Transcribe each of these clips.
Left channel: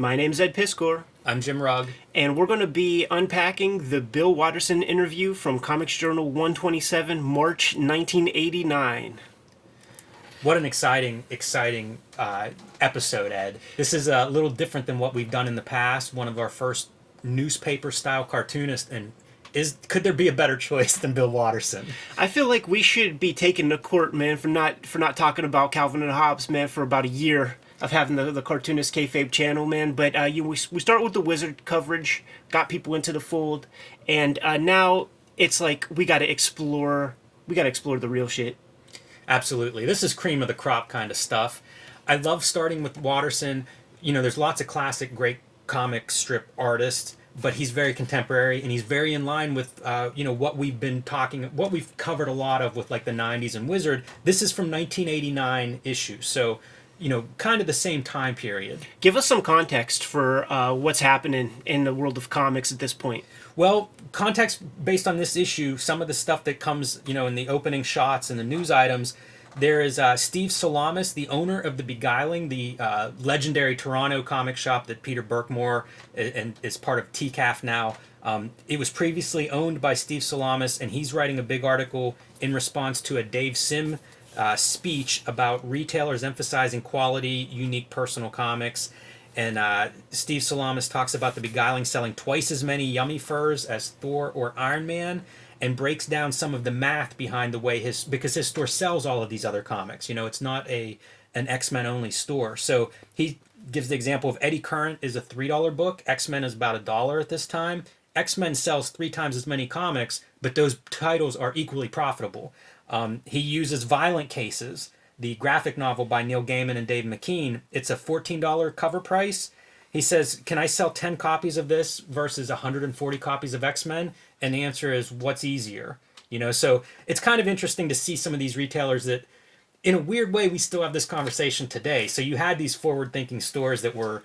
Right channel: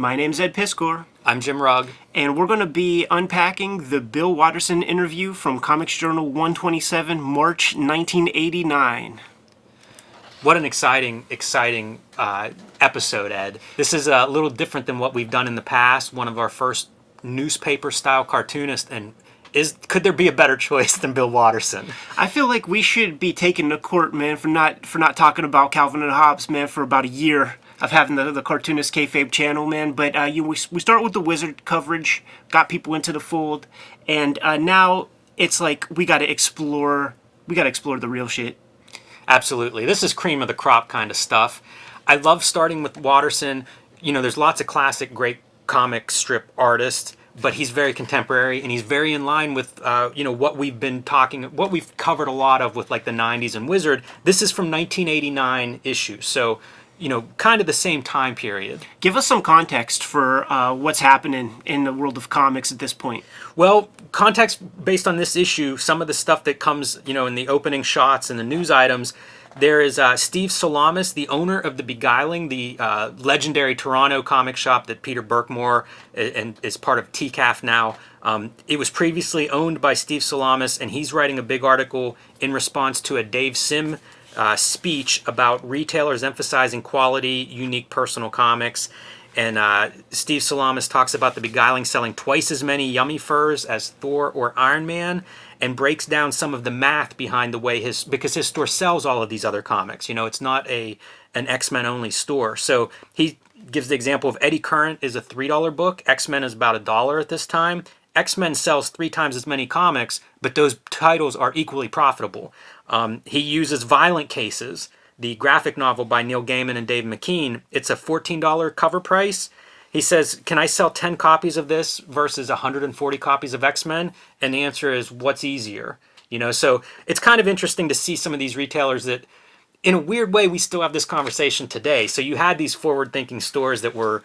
My name's Ed Piskor, I'm Jim Rugg. and we're going to be unpacking the Bill Watterson interview from Comics Journal 127, March 1989. What an exciting episode, Ed. This is a little different than what we've done in the past. One of our first newspaper-style cartoonists, and could there be a better choice than Bill Watterson? I feel like we should be taken to court, man, for not talking about Calvin and Hobbes, man, for about a year of having the Cartoonist Kayfabe channel, man. But we start with the Wizard coverage, got people into the fold, and now it's like we got to explore the real shit. Absolutely. This is cream of the crop kind of stuff. I love starting with Watterson. You know, there's lots of classic great comic strip artists, but he's very contemporary and he's very in line with, what we've covered a lot of with like the 90s and Wizard. This is from 1989 issues. So, kind of the same time period. Give us some context for what's happening in the world of comics at this point. Well, context based on this issue, some of the stuff that comes, in the opening shots and the news items, there is Steve Salamis, the owner of The Beguiling, the legendary Toronto comic shop that Peter Berkmore and is part of TCAF now. It was previously owned by Steve Salamis, and he's writing a big article in response to a Dave Sim speech about retailers emphasizing quality, unique personal comics. And Steve Salamis talks about The Beguiling selling twice as many yummy furs as Thor or Iron Man, and breaks down some of the math behind the way because his store sells all of these other comics. It's not an X-Men only store. So he gives the example of Eddie Current is a $3 book. X-Men is about $1 at this time. X-Men sells 3 times as many comics, but those titles are equally profitable. He uses Violent Cases, the graphic novel by Neil Gaiman and Dave McKean. It's a $14 cover price. He says, can I sell 10 copies of this versus 140 copies of X-Men? And the answer is, what's easier? So it's kind of interesting to see some of these retailers that, in a weird way, we still have this conversation today. So you had these forward-thinking stores that were,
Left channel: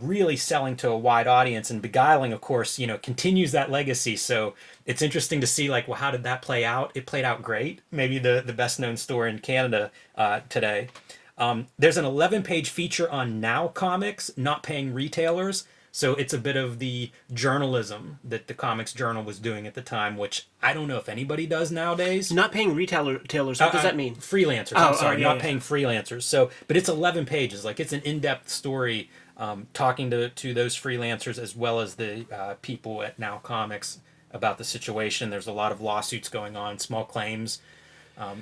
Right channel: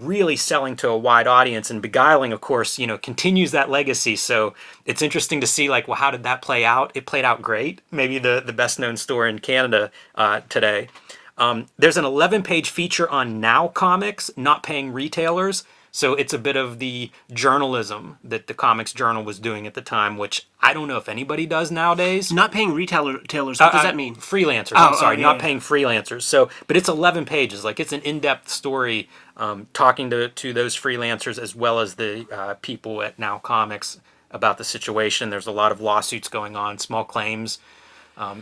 really selling to a wide audience, and Beguiling, of course, continues that legacy. So it's interesting to see, like, well, how did that play out? It played out great. Maybe the best-known store in Canada today. There's an 11-page feature on Now Comics not paying retailers. So it's a bit of the journalism that the Comics Journal was doing at the time, which I don't know if anybody does nowadays. Not paying retailers, what does that mean? Freelancers, not paying freelancers. So, but it's 11 pages. Like, it's an in-depth story talking to those freelancers as well as the people at Now Comics about the situation. There's a lot of lawsuits going on, small claims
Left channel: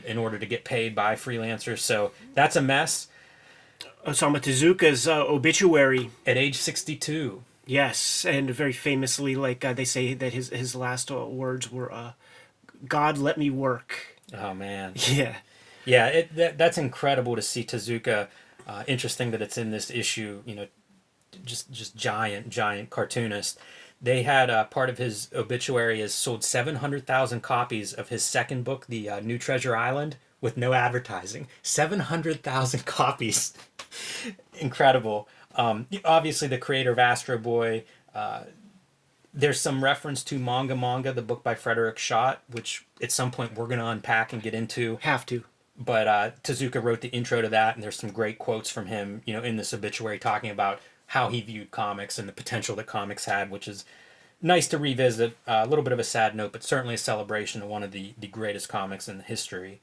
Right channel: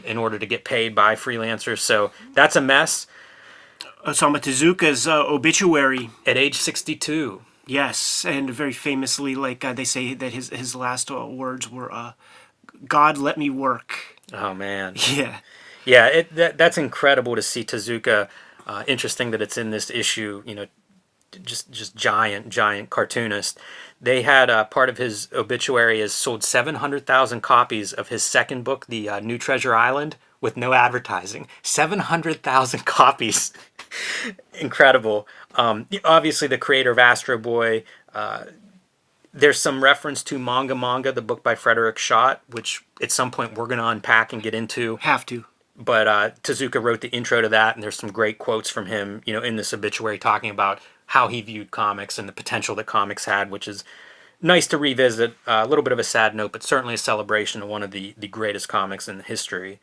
in order to get paid by freelancers. So that's a mess. Osamu Tezuka's obituary. At age 62. Yes, and very famously, they say that his last words were, God, let me work. Oh, man. Yeah. Yeah, that's incredible to see Tezuka. Interesting that it's in this issue, just giant cartoonist. They had part of his obituary is sold 700,000 copies of his second book, The New Treasure Island, with no advertising. 700,000 copies. Incredible. Obviously, the creator of Astro Boy. There's some reference to Manga, the book by Frederick Schott, which at some point we're going to unpack and get into. Have to. But Tezuka wrote the intro to that, and there's some great quotes from him, in this obituary talking about how he viewed comics and the potential that comics had, which is nice to revisit. A little bit of a sad note, but certainly a celebration of one of the greatest comics in history.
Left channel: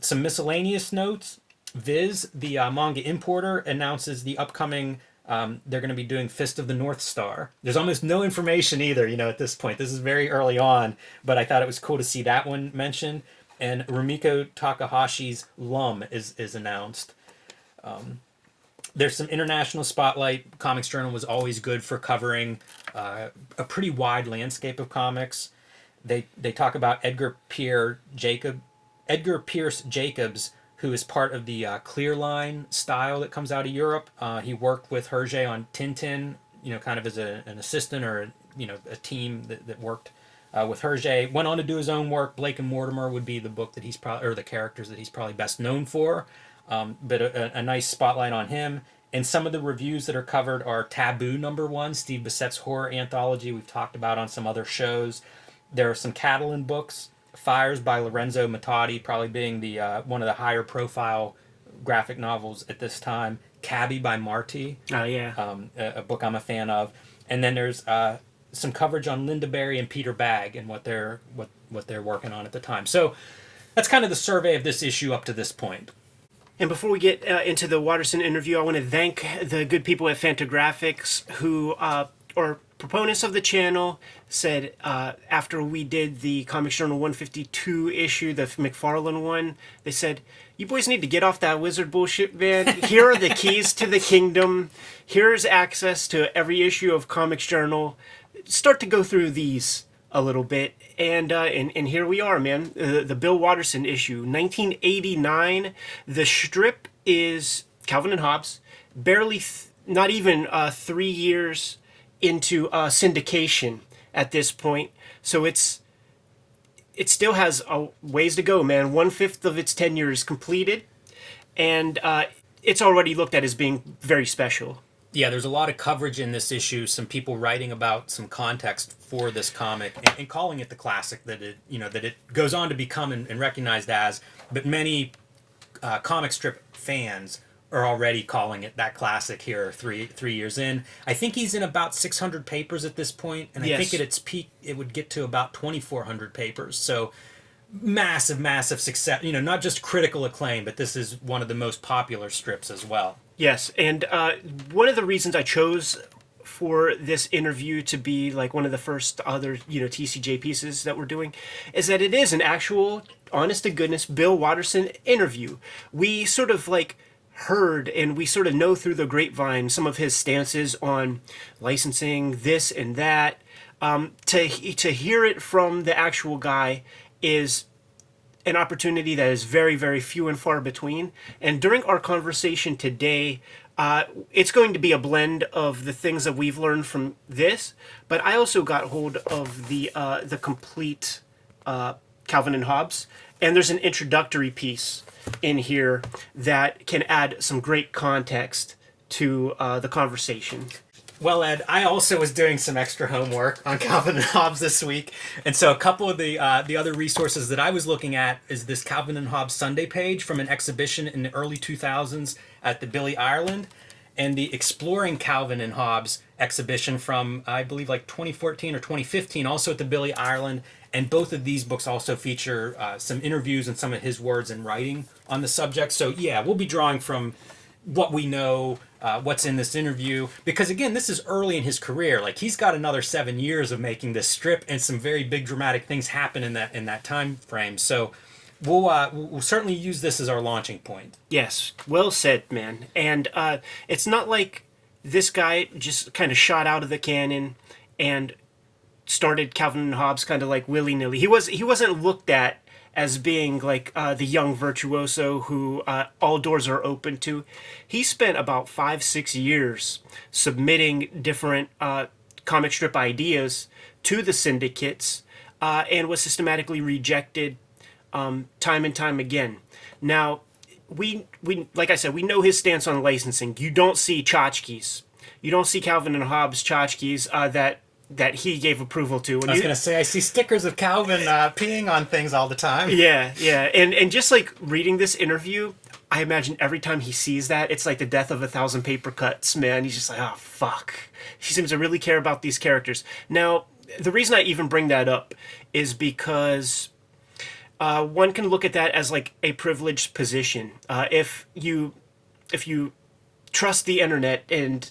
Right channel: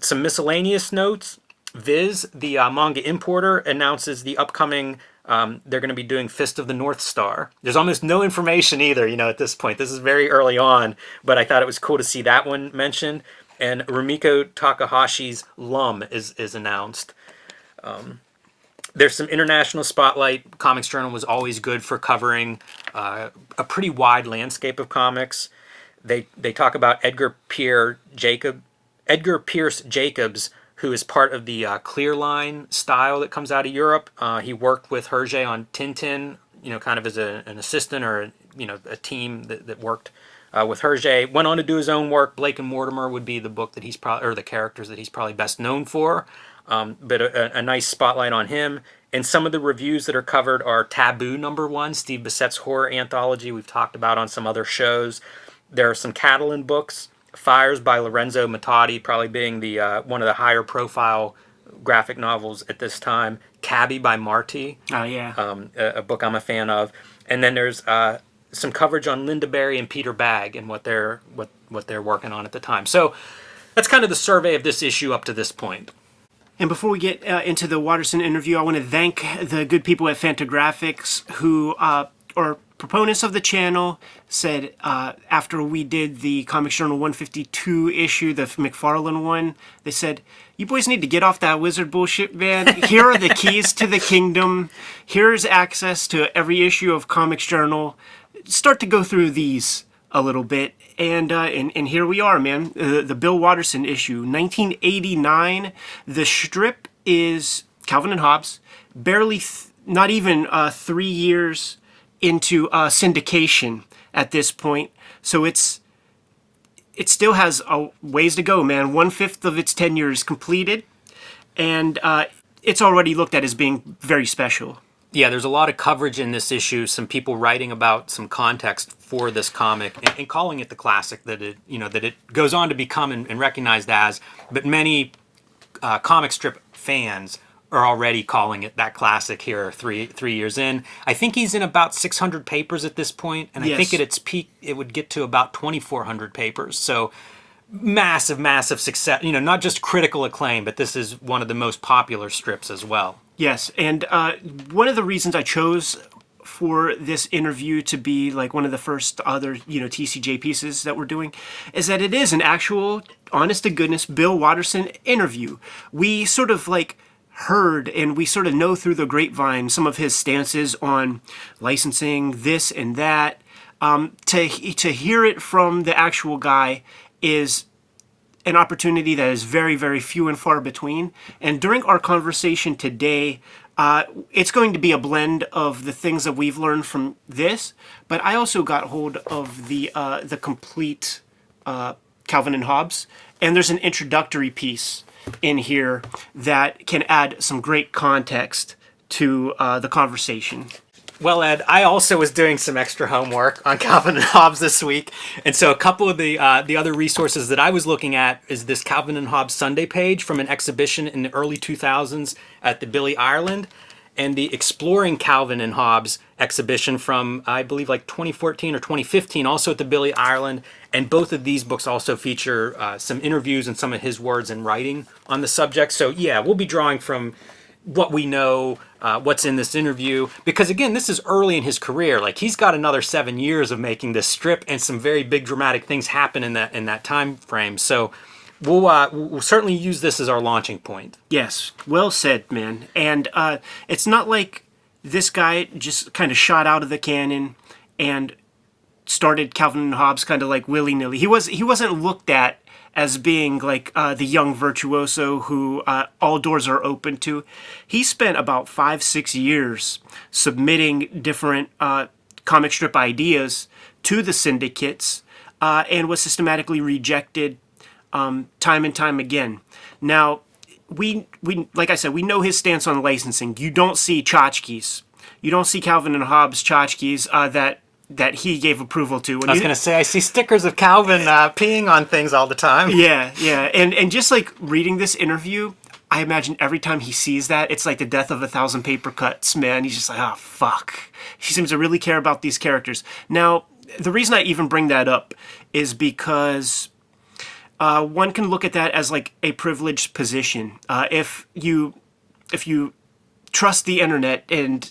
Some miscellaneous notes. Viz, the manga importer, announces the upcoming, they're going to be doing Fist of the North Star. There's almost no information either, at this point. This is very early on, but I thought it was cool to see that one mentioned. And Rumiko Takahashi's Lum is announced. There's some international spotlight. Comics Journal was always good for covering a pretty wide landscape of comics. They talk about Edgar Pierce Jacobs, who is part of the Clear Line style that comes out of Europe. He worked with Hergé on Tintin, kind of as an assistant or a team that worked with Hergé. Went on to do his own work. Blake and Mortimer would be the book that he's or the characters that he's probably best known for. But a nice spotlight on him. And some of the reviews that are covered are Taboo #1, Steve Bissett's horror anthology we've talked about on some other shows. There are some Catalan books. Fires by Lorenzo Mattotti, probably being the one of the higher profile graphic novels at this time. Cabby by Marty, Oh yeah. a book I'm a fan of. And then there's some coverage on Linda Berry and Peter Bagg and what they're working on at the time. So that's kind of the survey of this issue up to this point. And before we get into the Watterson interview, I want to thank the good people at Fantagraphics who are proponents of the channel. Said after we did the Comics Journal 152 issue, the McFarlane one, they said, "You boys need to get off that wizard bullshit, man. Here are the keys to the kingdom. Here's access to every issue of Comics Journal. Start to go through these a little bit." And here we are, man. The Bill Watterson issue, 1989. The strip is Calvin and Hobbes, barely, not even 3 years into syndication at this point. So it still has a ways to go, man. 1/5 of its tenure is completed, and it's already looked at as being very special. Yeah, there's a lot of coverage in this issue. Some people writing about some context for this comic and calling it the classic that it goes on to become and recognized as. But many comic strip fans are already calling it that classic here 3 years in. I think he's in about 600 papers at this point, and I think at its peak it would get to about 2,400 papers. So massive success. Not just critical acclaim, but this is one of the most popular strips as well. Yes, and one of the reasons I chose for this interview to be like one of the first other TCJ pieces that we're doing is that it is an actual, honest to goodness Bill Watterson interview. We sort of like heard and we sort of know through the grapevine some of his stances on licensing, this and that. To hear it from the actual guy is an opportunity that is very, very few and far between. And during our conversation today, it's going to be a blend of the things that we've learned from this, but I also got hold of the complete Calvin and Hobbes, and there's an introductory piece in here that can add some great context to the conversation. Well, Ed, I also was doing some extra homework on Calvin and Hobbes this week, and so a couple of the other resources that I was looking at is this Calvin and Hobbes Sunday page from an exhibition in the early 2000s at the Billy Ireland, and the Exploring Calvin and Hobbes exhibition from, I believe, like 2014 or 2015, also at the Billy Ireland. And both of these books also feature some interviews and some of his words and writing on the subject. So yeah, we'll be drawing from what we know, what's in this interview, because again, this is early in his career. Like, he's got another 7 years of making this strip, and some very big dramatic things happen in that time frame. So we'll certainly use this as our launching point. Yes, well said, man. And it's not like this guy just kind of shot out of the cannon and started Calvin and Hobbes kind of like willy-nilly. He wasn't looked at as being like the young virtuoso who all doors are open to. He spent about 5-6 years submitting different comic strip ideas to the syndicates and was systematically rejected time and time again. Now, we like I said, we know his stance on licensing. You don't see tchotchkes. You don't see Calvin and Hobbes tchotchkes that he gave approval to. I was going to say, I see stickers of Calvin peeing on things all the time. Yeah. And just like reading this interview, I imagine every time he sees that, it's like the death of 1,000 paper cuts, man. He's just like, oh, fuck. He seems to really care about these characters. Now, the reason I even bring that up is because one can look at that as like a privileged position. If you trust the internet and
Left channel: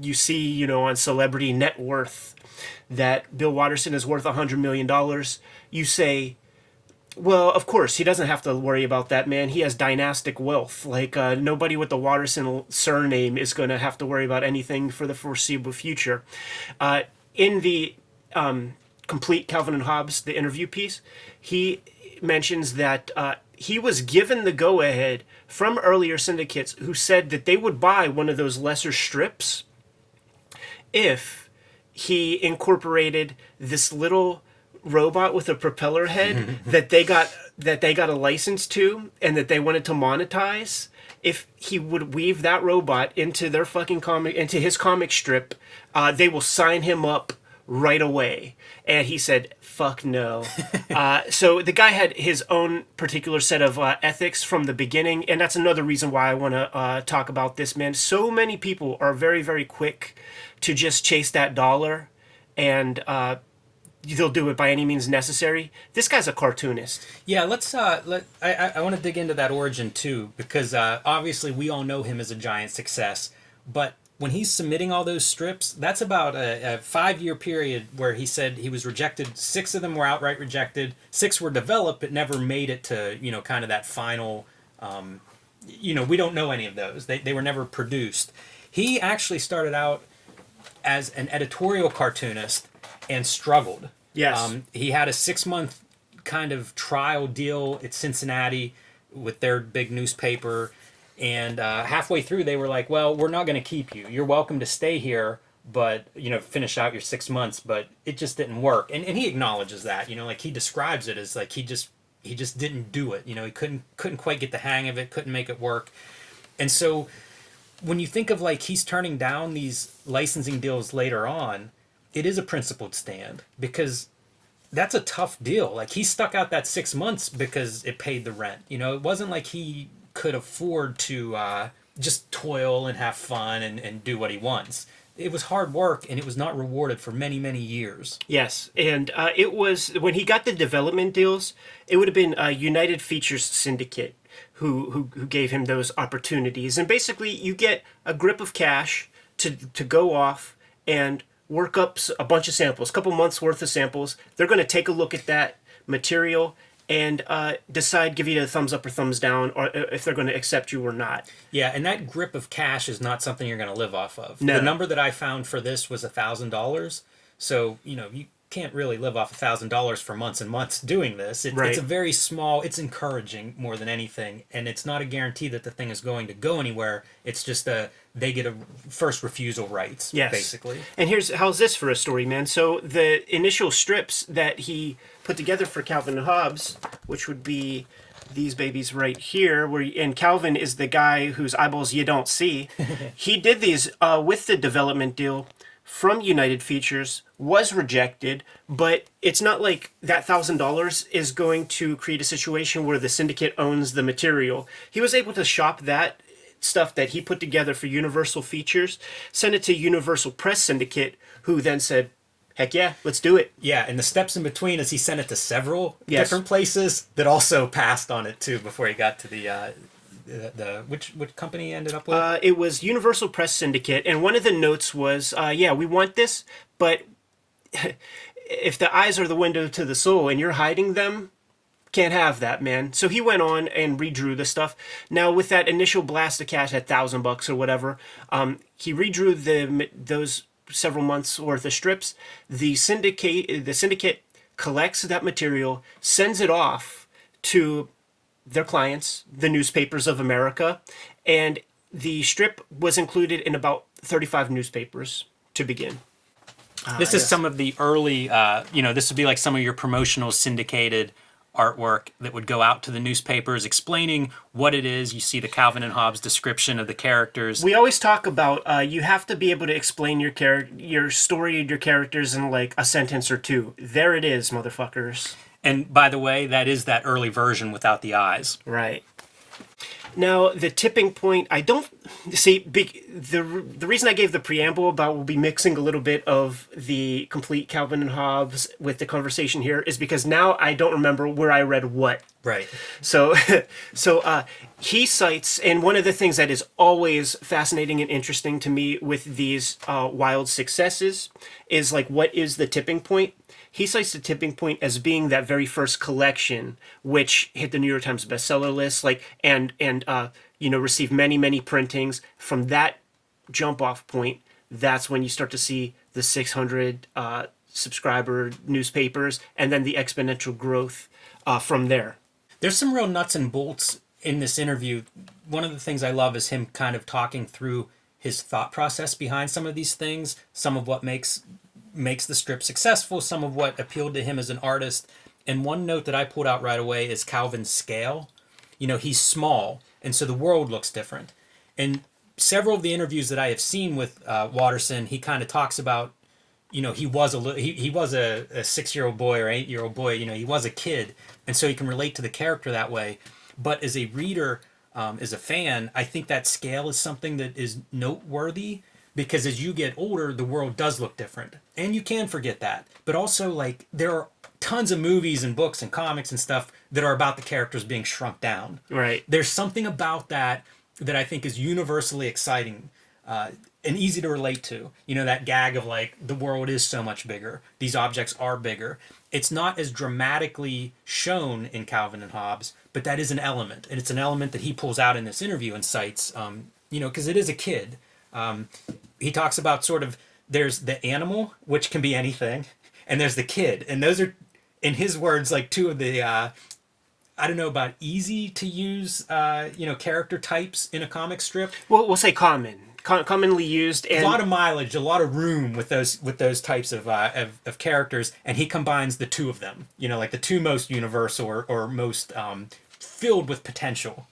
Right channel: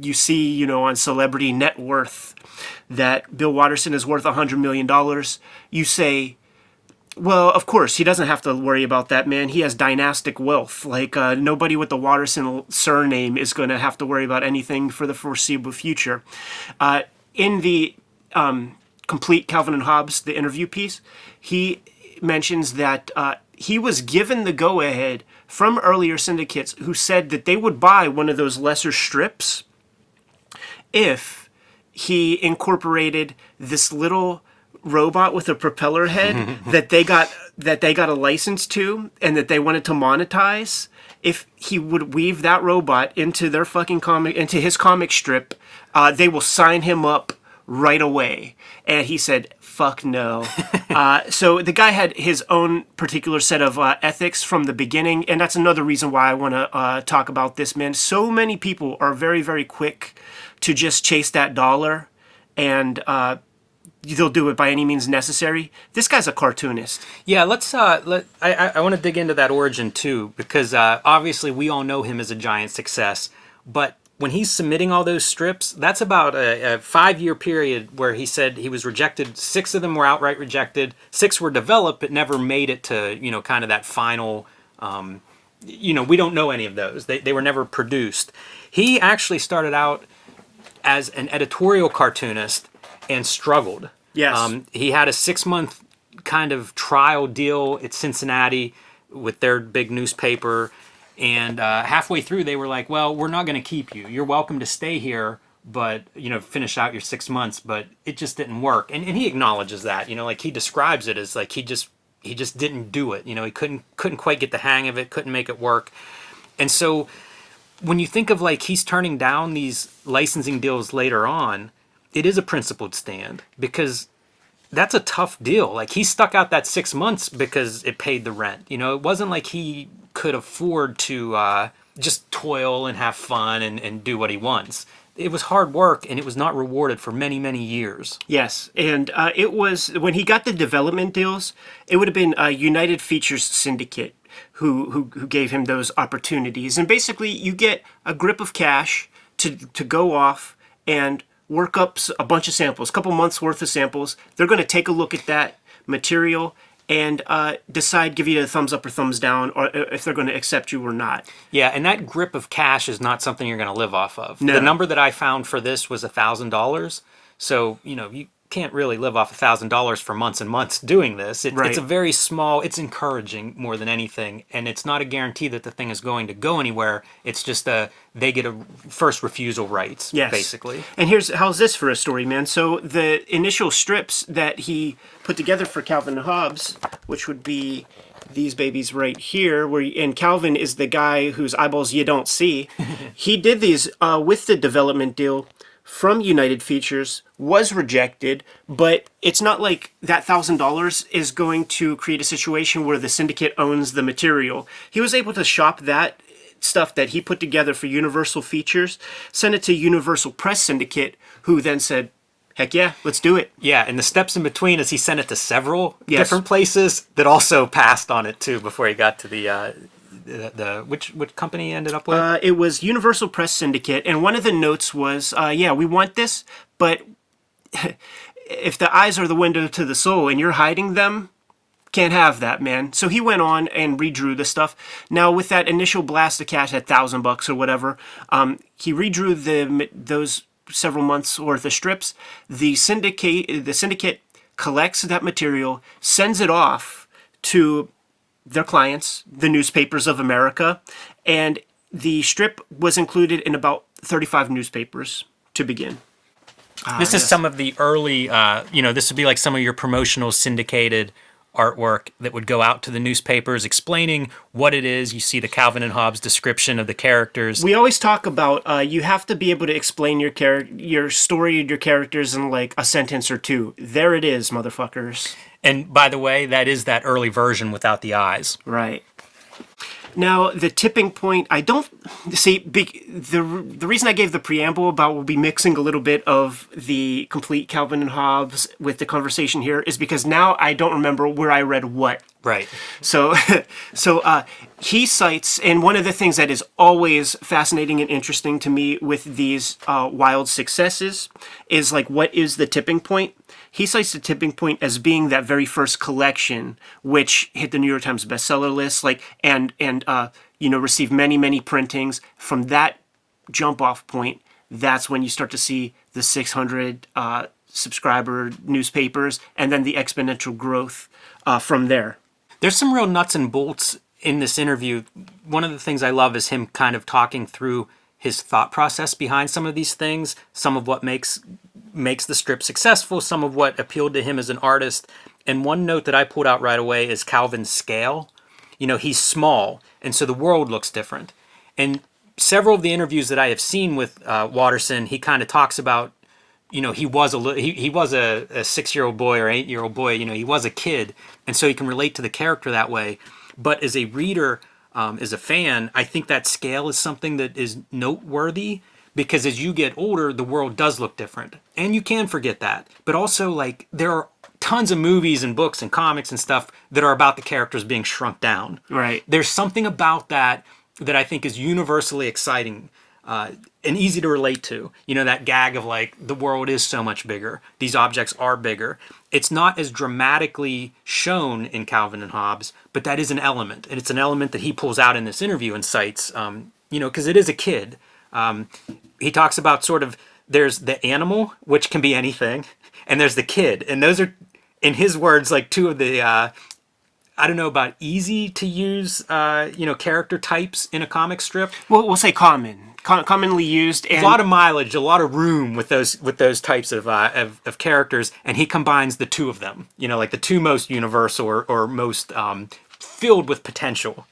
you see, on Celebrity Net Worth that Bill Watterson is worth $100 million, you say, well, of course, he doesn't have to worry about that, man. He has dynastic wealth. Like, nobody with the Watterson surname is going to have to worry about anything for the foreseeable future. In the complete Calvin and Hobbes, the interview piece, he mentions that he was given the go-ahead from earlier syndicates who said that they would buy one of those lesser strips if he incorporated this little robot with a propeller head that they got a license to and that they wanted to monetize. If he would weave that robot into their fucking comic, into his comic strip, they will sign him up right away. And he said, fuck no. So the guy had his own particular set of ethics from the beginning. And that's another reason why I want to talk about this, man. So many people are very, very quick to just chase that dollar, and they'll do it by any means necessary. This guy's a cartoonist. Yeah, I want to dig into that origin too, because obviously we all know him as a giant success, but when he's submitting all those strips, that's about a 5-year period where he said he was rejected. 6 of them were outright rejected. 6 were developed but never made it to, kind of that final, we don't know any of those. They were never produced. He actually started out as an editorial cartoonist and struggled. Yes. He had a 6-month kind of trial deal at Cincinnati with their big newspaper. And halfway through, they were like, well, we're not going to keep you. You're welcome to stay here, but, finish out your 6 months. But it just didn't work. And he acknowledges that, like he describes it as like he just didn't do it. He couldn't quite get the hang of it, couldn't make it work. And so when you think of like he's turning down these licensing deals later on, it is a principled stand, because that's a tough deal. Like he stuck out that 6 months because it paid the rent. It wasn't like he could afford to just toil and have fun and do what he wants. It was hard work, and it was not rewarded for many, many years. Yes, and it was, when he got the development deals, it would have been United Features Syndicate who gave him those opportunities. And basically, you get a grip of cash to go off and work up a bunch of samples, a couple months worth of samples. They're going to take a look at that material and decide, give you a thumbs up or thumbs down, or if they're going to accept you or not. Yeah, and that grip of cash is not something you're going to live off of. No. The number that I found for this was $1,000. So, you can't really live off $1,000 for months and months doing this. Right. It's a very small, it's encouraging more than anything. And it's not a guarantee that the thing is going to go anywhere. It's just they get a first refusal rights, Yes. basically. And how's this for a story, man? So the initial strips that he put together for Calvin and Hobbes, which would be these babies right here, and Calvin is the guy whose eyeballs you don't see. He did these with the development deal from United Features, was rejected, but it's not like that $1,000 is going to create a situation where the syndicate owns the material. He was able to shop that stuff that he put together for Universal Features, send it to Universal Press Syndicate, who then said, heck yeah, let's do it. Yeah, and the steps in between is he sent it to several Yes. different places that also passed on it too before he got to the which company he ended up with? It was Universal Press Syndicate, and one of the notes was, we want this, but if the eyes are the window to the soul and you're hiding them, can't have that, man. So he went on and redrew the stuff. Now with that initial blast of cash at $1,000 or whatever, he redrew those several months worth of strips. The syndicate collects that material, sends it off to their clients, the newspapers of America, and the strip was included in about 35 newspapers to begin. This is some of the early, this would be like some of your promotional syndicated artwork that would go out to the newspapers explaining what it is. You see the Calvin and Hobbes description of the characters. We always talk about you have to be able to explain your story and your characters in like a sentence or two. There it is, motherfuckers. And by the way, that is that early version without the eyes. Right. Now, the tipping point, I don't see the reason I gave the preamble about we'll be mixing a little bit of the complete Calvin and Hobbes with the conversation here is because now I don't remember where I read what. Right. So he cites, and one of the things that is always fascinating and interesting to me with these wild successes is like, what is the tipping point? He cites the tipping point as being that very first collection, which hit the New York Times bestseller list, and received many printings. From that jump off point, that's when you start to see the 600 subscriber newspapers, and then the exponential growth from there. There's some real nuts and bolts in this interview. One of the things I love is him kind of talking through his thought process behind some of these things, some of what makes the strip successful, some of what appealed to him as an artist. And one note that I pulled out right away is Calvin's scale. He's small, and so the world looks different. And several of the interviews that I have seen with Watterson, he kind of talks about he was he was a 6-year-old boy or 8-year-old boy. He was a kid, and so he can relate to the character that way. But as a reader, as a fan, I think that scale is something that is noteworthy, because as you get older, the world does look different, and you can forget that. But also, like, there are tons of movies and books and comics and stuff that are about the characters being shrunk down. Right. There's something about that that I think is universally exciting, and easy to relate to. That gag of, like, the world is so much bigger. These objects are bigger. It's not as dramatically shown in Calvin and Hobbes, but that is an element. And it's an element that he pulls out in this interview and cites, because it is a kid. He talks about sort of, there's the animal, which can be anything, and there's the kid. And those are, in his words, like two of the, I don't know about easy to use, character types in a comic strip. We'll say commonly used. And a lot of mileage, a lot of room with those types of characters, and he combines the two of them. Like the two most universal or most filled with potential.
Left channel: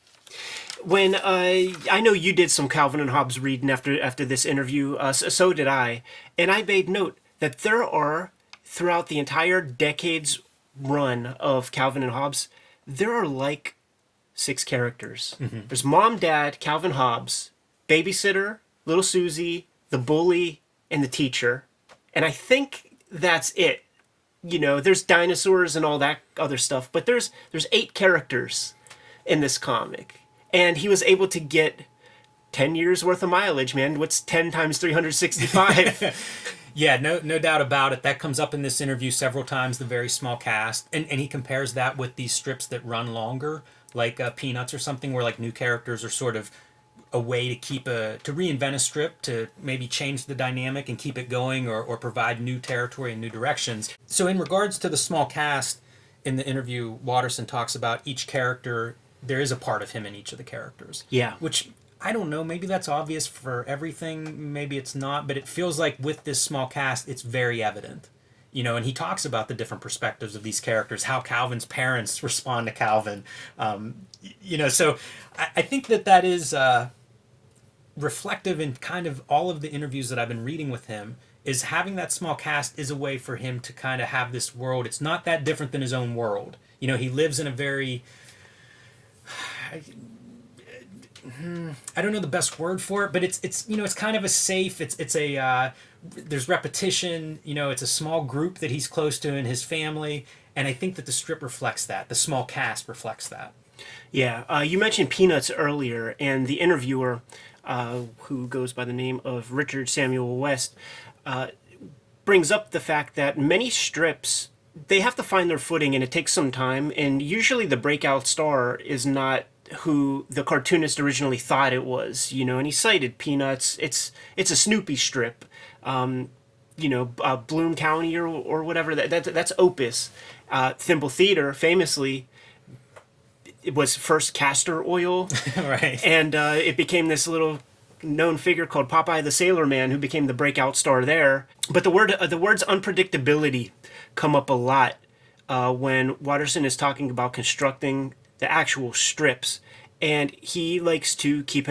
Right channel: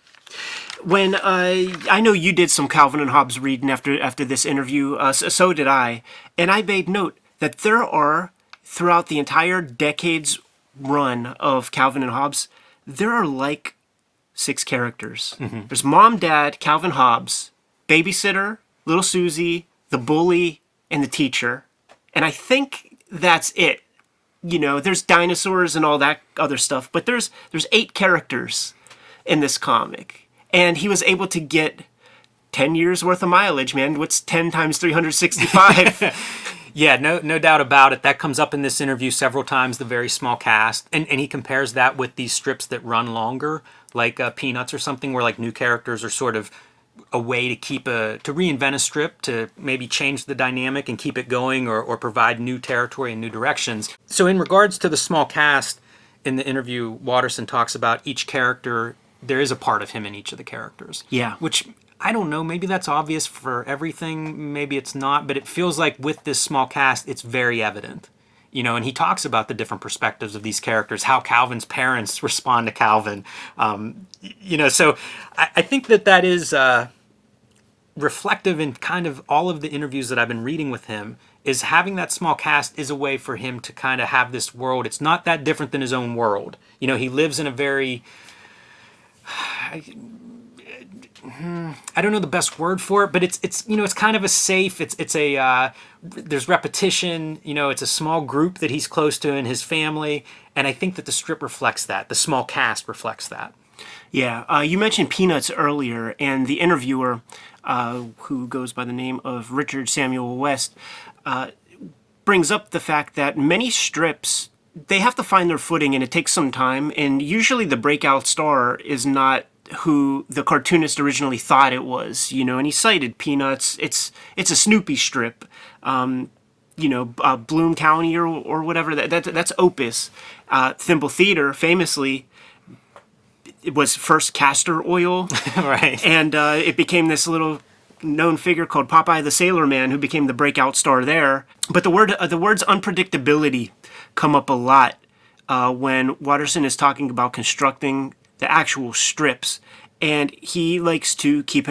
When I know you did some Calvin and Hobbes reading after this interview, so did I, and I made note that there are, throughout the entire decade's run of Calvin and Hobbes, there are like 6 characters. Mm-hmm. There's Mom, Dad, Calvin, Hobbes, Babysitter, Little Susie, the Bully, and the Teacher, and I think that's it. There's dinosaurs and all that other stuff, but there's 8 characters in this comic. And he was able to get 10 years worth of mileage, man. What's 10 times 365? Yeah, no doubt about it. That comes up in this interview several times, the very small cast. And he compares that with these strips that run longer, like Peanuts or something, where like new characters are sort of a way to reinvent a strip, to maybe change the dynamic and keep it going, or provide new territory and new directions. So in regards to the small cast, in the interview, Watterson talks about each character. There is a part of him in each of the characters. Yeah. Which, I don't know, maybe that's obvious for everything, maybe it's not, but it feels like with this small cast, it's very evident. And he talks about the different perspectives of these characters, how Calvin's parents respond to Calvin. So I think that is reflective in kind of all of the interviews that I've been reading with him, is having that small cast is a way for him to kind of have this world. It's not that different than his own world. He lives in a very... I don't know the best word for it, but it's kind of a safe. There's repetition. It's a small group that he's close to in his family, and I think that the strip reflects that. The small cast reflects that. Yeah, you mentioned Peanuts earlier, and the interviewer, who goes by the name of Richard Samuel West, brings up the fact that many strips, they have to find their footing, and it takes some time, and usually the breakout star is not who the cartoonist originally thought it was, and he cited Peanuts. It's a Snoopy strip, Bloom County or whatever, that's Opus. Thimble Theater, famously, it was first castor oil. Right. And it became this little known figure called Popeye the Sailor Man, who became the breakout star there. But the words unpredictability come up a lot when Watterson is talking about constructing the actual strips, and he likes to keep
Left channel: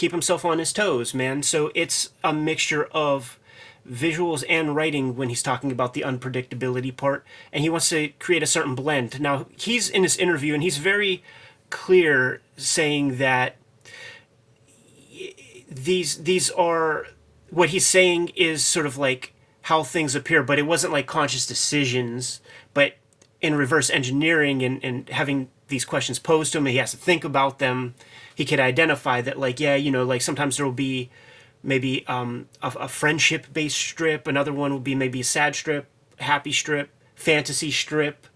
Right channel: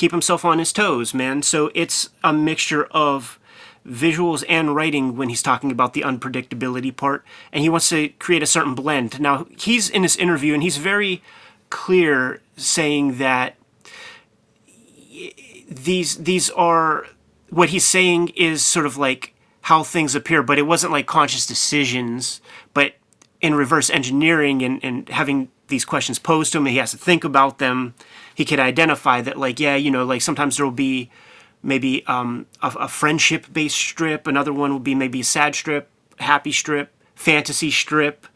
himself on his toes, man. So it's a mixture of visuals and writing when he's talking about the unpredictability part, and he wants to create a certain blend. Now, he's in this interview, and he's very clear saying that these are, what he's saying is sort of like how things appear, but it wasn't like conscious decisions, but in reverse engineering and having these questions posed to him, and he has to think about them. He could identify that, like, like sometimes there will be maybe a friendship-based strip. Another one will be maybe a sad strip, happy strip, fantasy strip.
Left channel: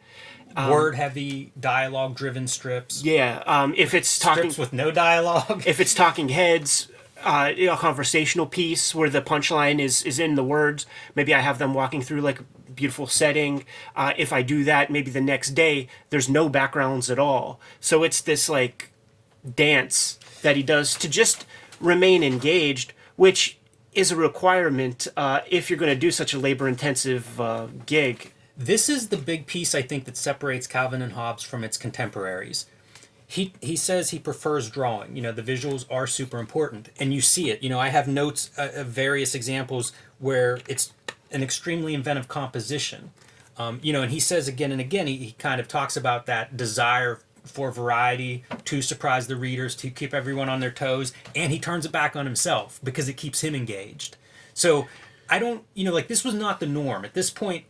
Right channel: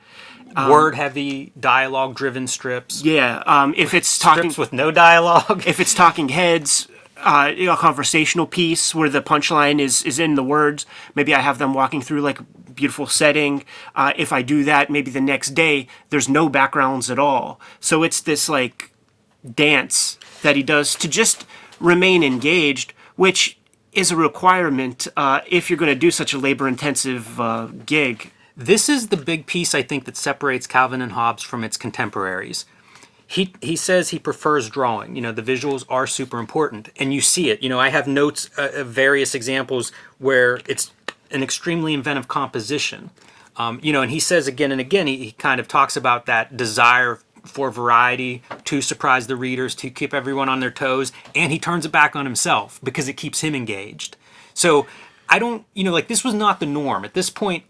Word-heavy, dialogue-driven strips. Yeah, if it's talking... Strips with no dialogue. If it's talking heads, a conversational piece where the punchline is in the words. Maybe I have them walking through, like, beautiful setting. If I do that, maybe the next day, there's no backgrounds at all. So it's this, like, dance that he does to just remain engaged, which is a requirement if you're going to do such a labor-intensive gig. This is the big piece, I think, that separates Calvin and Hobbes from its contemporaries. He says he prefers drawing. The visuals are super important, and you see it. I have notes of various examples where it's an extremely inventive composition. And he says again and again, he kind of talks about that desire for variety, to surprise the readers, to keep everyone on their toes, and he turns it back on himself because it keeps him engaged. So I don't, this was not the norm. At this point,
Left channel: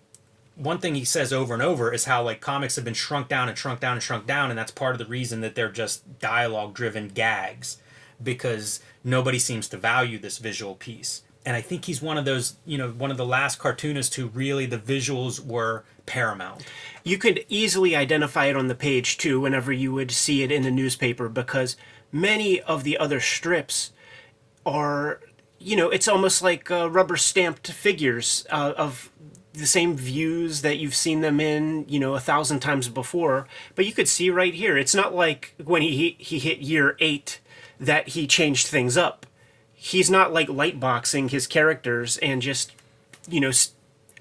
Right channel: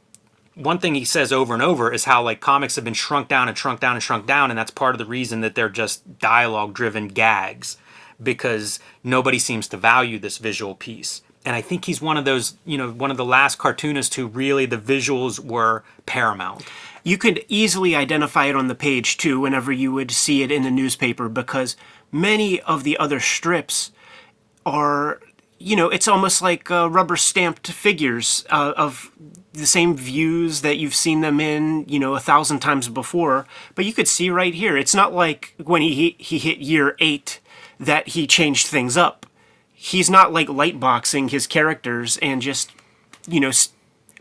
one thing he says over and over is how comics have been shrunk down and shrunk down and shrunk down, and that's part of the reason that they're just dialogue-driven gags, because nobody seems to value this visual piece. And I think he's one of those, one of the last cartoonists who really the visuals were paramount. You could easily identify it on the page too whenever you would see it in the newspaper, because many of the other strips are, it's almost like rubber stamped figures of the same views that you've seen them in, 1,000 times before. But you could see right here, it's not like when he hit year 8 that he changed things up. He's not lightboxing his characters and just,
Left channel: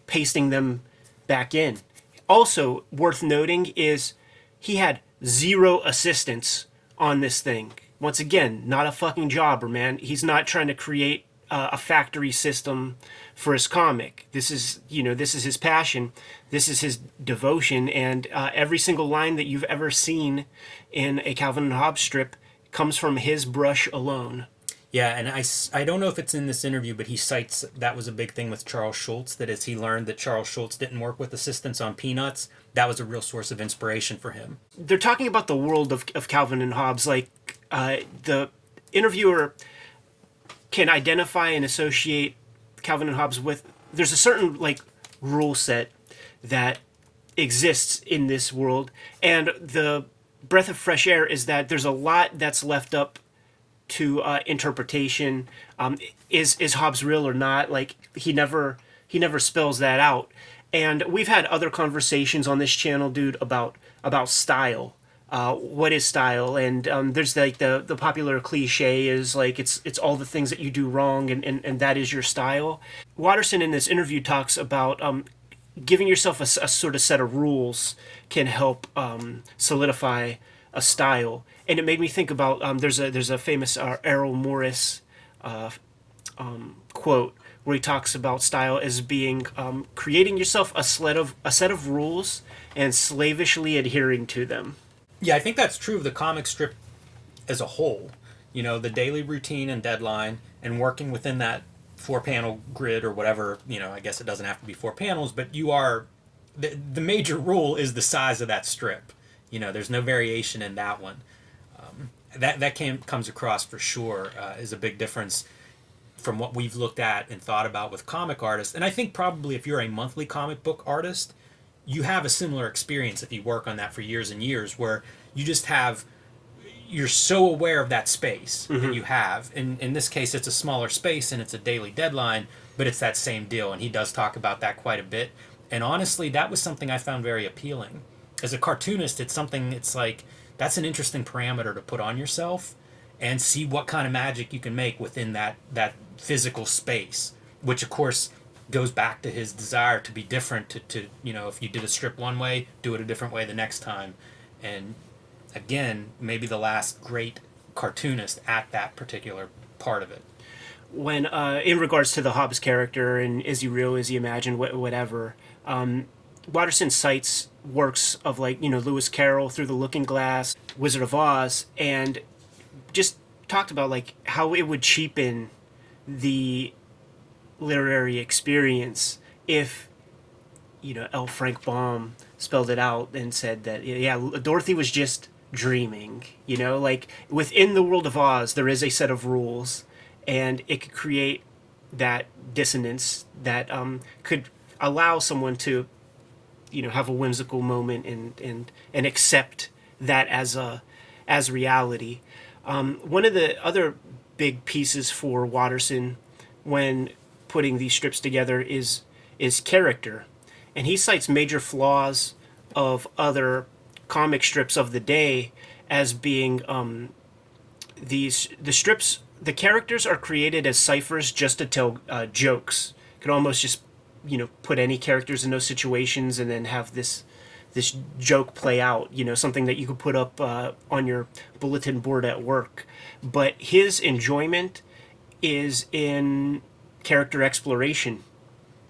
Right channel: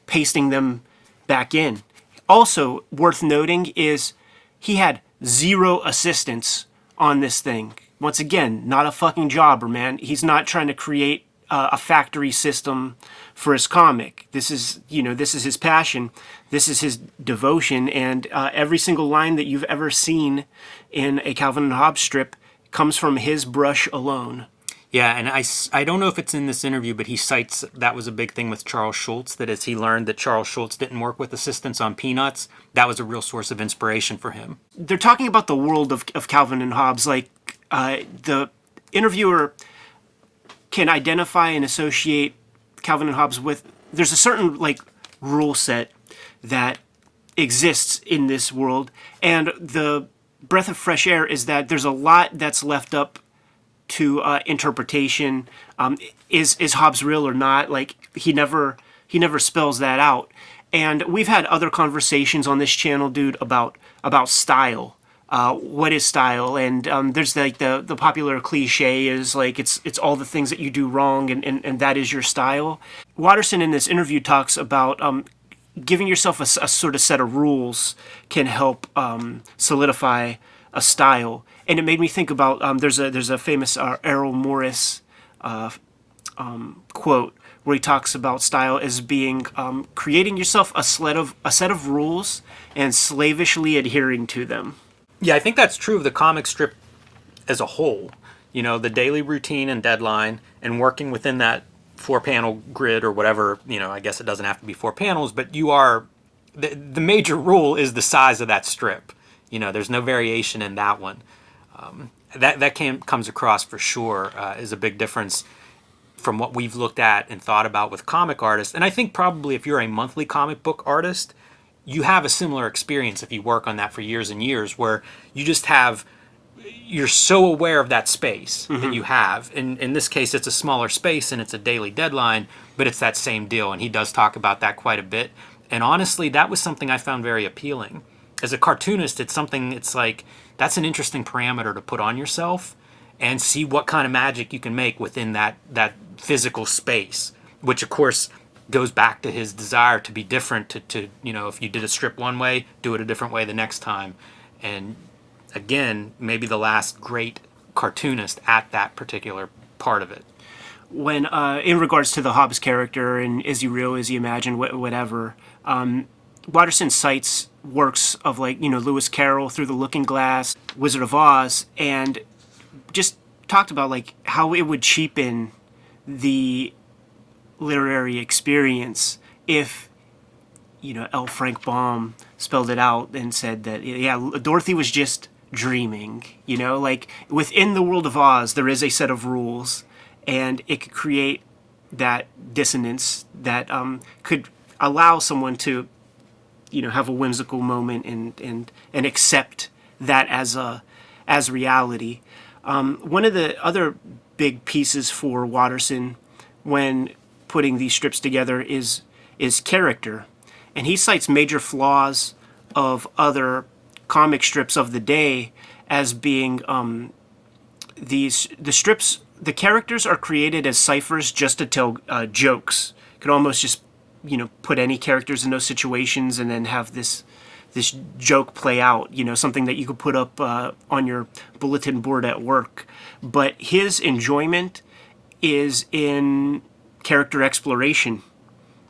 pasting them back in. Also worth noting is he had 0 assistants on this thing. Once again, not a fucking jobber, man. He's not trying to create a factory system for his comic. This is his passion. This is his devotion. And every single line that you've ever seen in a Calvin and Hobbes strip comes from his brush alone. Yeah, and I don't know if it's in this interview, but he cites that was a big thing with Charles Schulz, that as he learned that Charles Schulz didn't work with assistants on Peanuts, that was a real source of inspiration for him. They're talking about the world of Calvin and Hobbes. The interviewer can identify and associate Calvin and Hobbes with, there's a certain rule set that exists in this world, and the breath of fresh air is that there's a lot that's left up to interpretation. Is Hobbes real or not? He never spells that out. And we've had other conversations on this channel, dude, about style. What is style? And there's the popular cliche is it's all the things that you do wrong, and that is your style. Watterson in this interview talks about giving yourself a sort of set of rules can help solidify a style. And it made me think about there's a famous Errol Morris quote where he talks about style as being creating yourself a set of rules and slavishly adhering to them. Yeah, I think that's true of the comic strip as a whole. The daily routine and deadline, and working within that 4-panel grid or whatever. I guess it doesn't have to be 4 panels, but the major rule is the size of that strip. There's no variation in that one. That comes across for sure is a big difference from what we've looked at and thought about with comic artists. And I think probably if you're a monthly comic book artist, you have a similar experience if you work on that for years and years, where you're so aware of that space that you have. In this case, it's a smaller space and it's a daily deadline, but it's that same deal. And he does talk about that quite a bit. And honestly, that was something I found very appealing. As a cartoonist, it's that's an interesting parameter to put on yourself and see what kind of magic you can make within that physical space, which of course goes back to his desire to be different, to if you did a strip one way, do it a different way the next time. And again, maybe the last great cartoonist at that particular part of it. When in regards to the Hobbes character and is he real, is he imagined, whatever, Watterson cites works of Lewis Carroll, Through the Looking Glass, Wizard of Oz, and just talked about how it would cheapen the literary experience if L. Frank Baum spelled it out and said that Dorothy was just dreaming. Within the world of Oz there is a set of rules, and it could create that dissonance that could allow someone to have a whimsical moment and accept that as reality. One of the other big pieces for Watterson when putting these strips together is character, and he cites major flaws of other comic strips of the day as being the characters are created as ciphers just to tell jokes. You could almost just put any characters in those situations and then have this joke play out, something that you could put up on your bulletin board at work. But his enjoyment is in character exploration.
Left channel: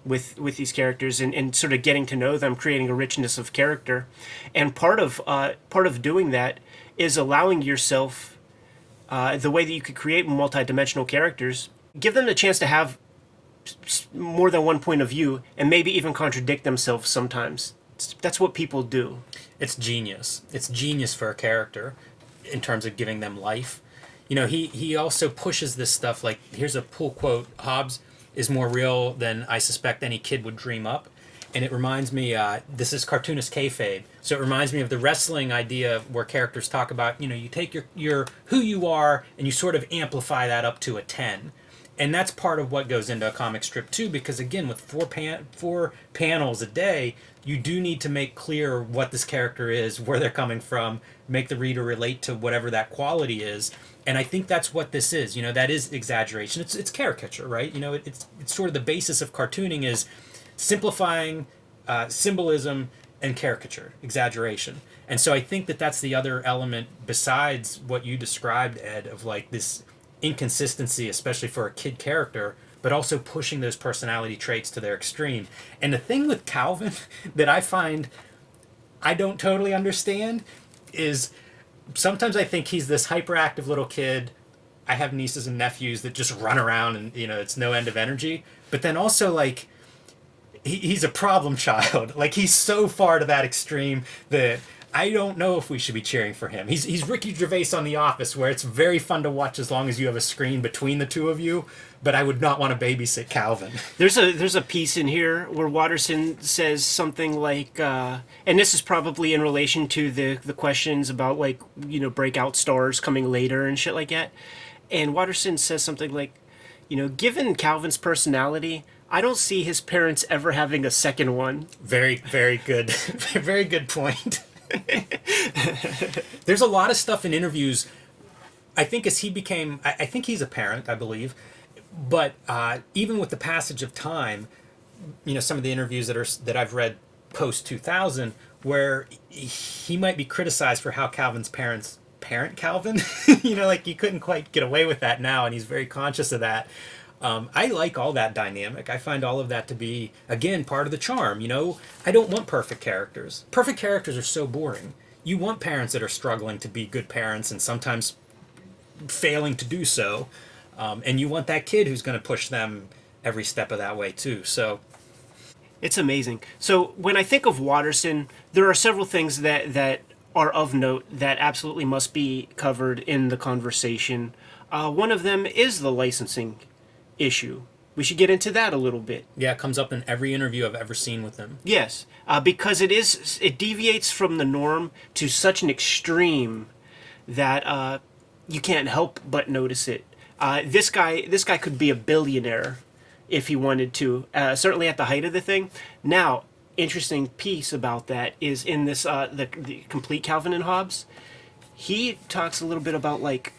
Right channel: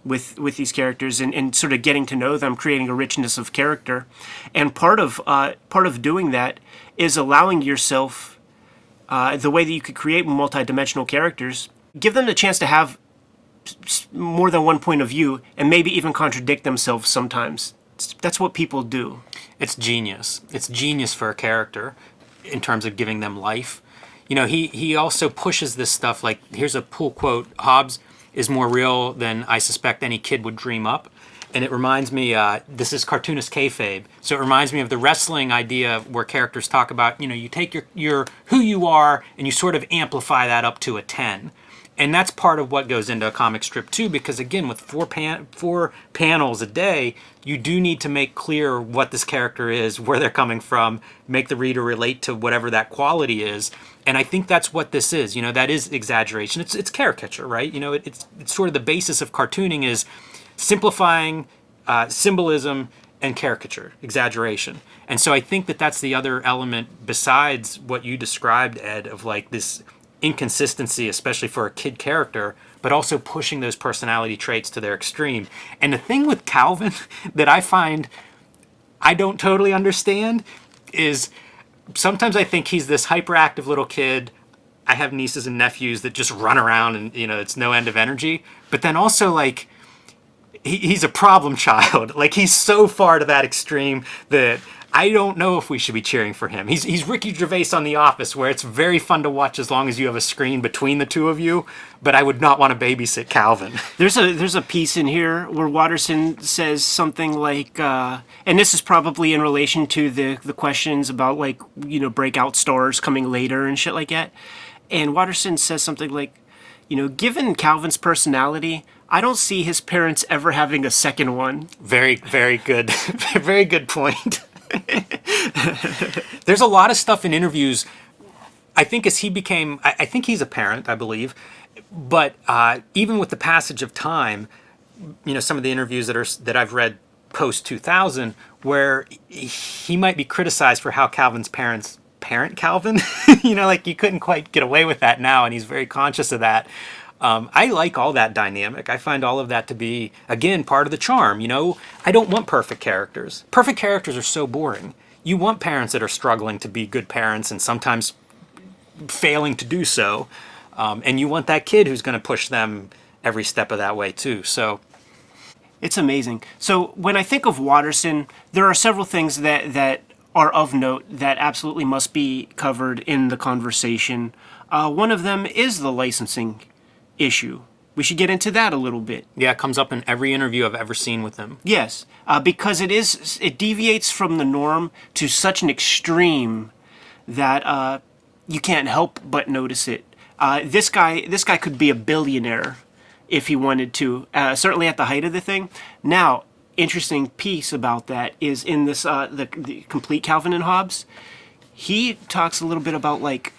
with these characters and sort of getting to know them, creating a richness of character. And part of doing that is allowing yourself the way that you could create multi-dimensional characters, give them the chance to have more than one point of view and maybe even contradict themselves sometimes. That's what people do. It's genius. It's genius for a character in terms of giving them life. You know, he also pushes this stuff like, here's a cool quote: Hobbes is more real than I suspect any kid would dream up. And it reminds me, this is Cartoonist Kayfabe, so it reminds me of the wrestling idea where characters talk about, you know, you take your who you are and you sort of amplify that up to a 10. And that's part of what goes into a comic strip too, because again, with four panels a day, you do need to make clear what this character is, where they're coming from, make the reader relate to whatever that quality is. And I think that's what this is. You know, that is exaggeration. It's caricature, right? You know, it's sort of the basis of cartooning is simplifying symbolism and caricature, exaggeration. And so I think that that's the other element besides what you described, Ed, of like this inconsistency, especially for a kid character, but also pushing those personality traits to their extreme. And the thing with Calvin that I find I don't totally understand is sometimes I think he's this hyperactive little kid. I have nieces and nephews that just run around and, you know, it's no end of energy. But then also, like, he's a problem child. Like, he's so far to that extreme that I don't know if we should be cheering for him. He's Ricky Gervais on The Office, where it's very fun to watch as long as you have a screen between the two of you, but I would not want to babysit Calvin. There's a piece in here where Watterson says something like, and this is probably in relation to the questions about, like, you know, breakout stars coming later and shit like that. And Watterson says something like, you know, given Calvin's personality, I don't see his parents ever having a second one. Very, very good. Very good point. There's a lot of stuff in interviews. I think as he became, I think he's a parent, I believe, but even with the passage of time, you know, some of the interviews that I've read post 2000, where he might be criticized for how Calvin's parents parent Calvin. You know, like, you couldn't quite get away with that now, and he's very conscious of that. I like all that dynamic. I find all of that to be, again, part of the charm. You know, I don't want perfect characters. Perfect characters are so boring. You want parents that are struggling to be good parents and sometimes failing to do so. And you want that kid who's going to push them every step of that way too. So it's amazing. So when I think of Watterson, there are several things that are of note that absolutely must be covered in the conversation. One of them is the licensing issue. We should get into that a little bit. Yeah, it comes up in every interview I've ever seen with him. Yes, because it deviates from the norm to such an extreme that you can't help but notice it. This guy could be a billionaire if he wanted to, certainly at the height of the thing. Now, interesting piece about that is in this the complete Calvin and Hobbes. He talks a little bit about, like,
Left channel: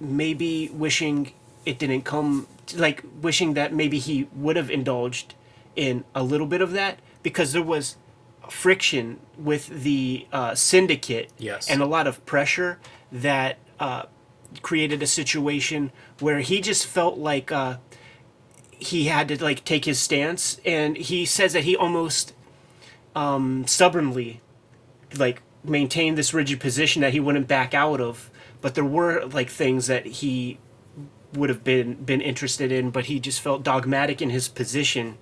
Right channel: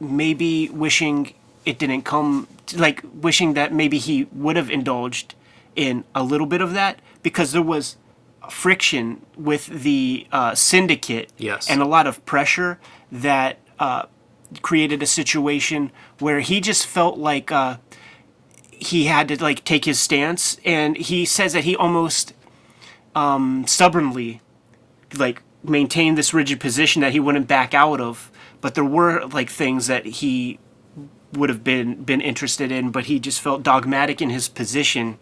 maybe wishing it didn't come, like, wishing that maybe he would have indulged in a little bit of that, because there was friction with the syndicate. Yes. And a lot of pressure that created a situation where he just felt like he had to, like, take his stance, and he says that he almost stubbornly, like, maintained this rigid position that he wouldn't back out of, but there were, like, things that he would have been interested in, but he just felt dogmatic in his position.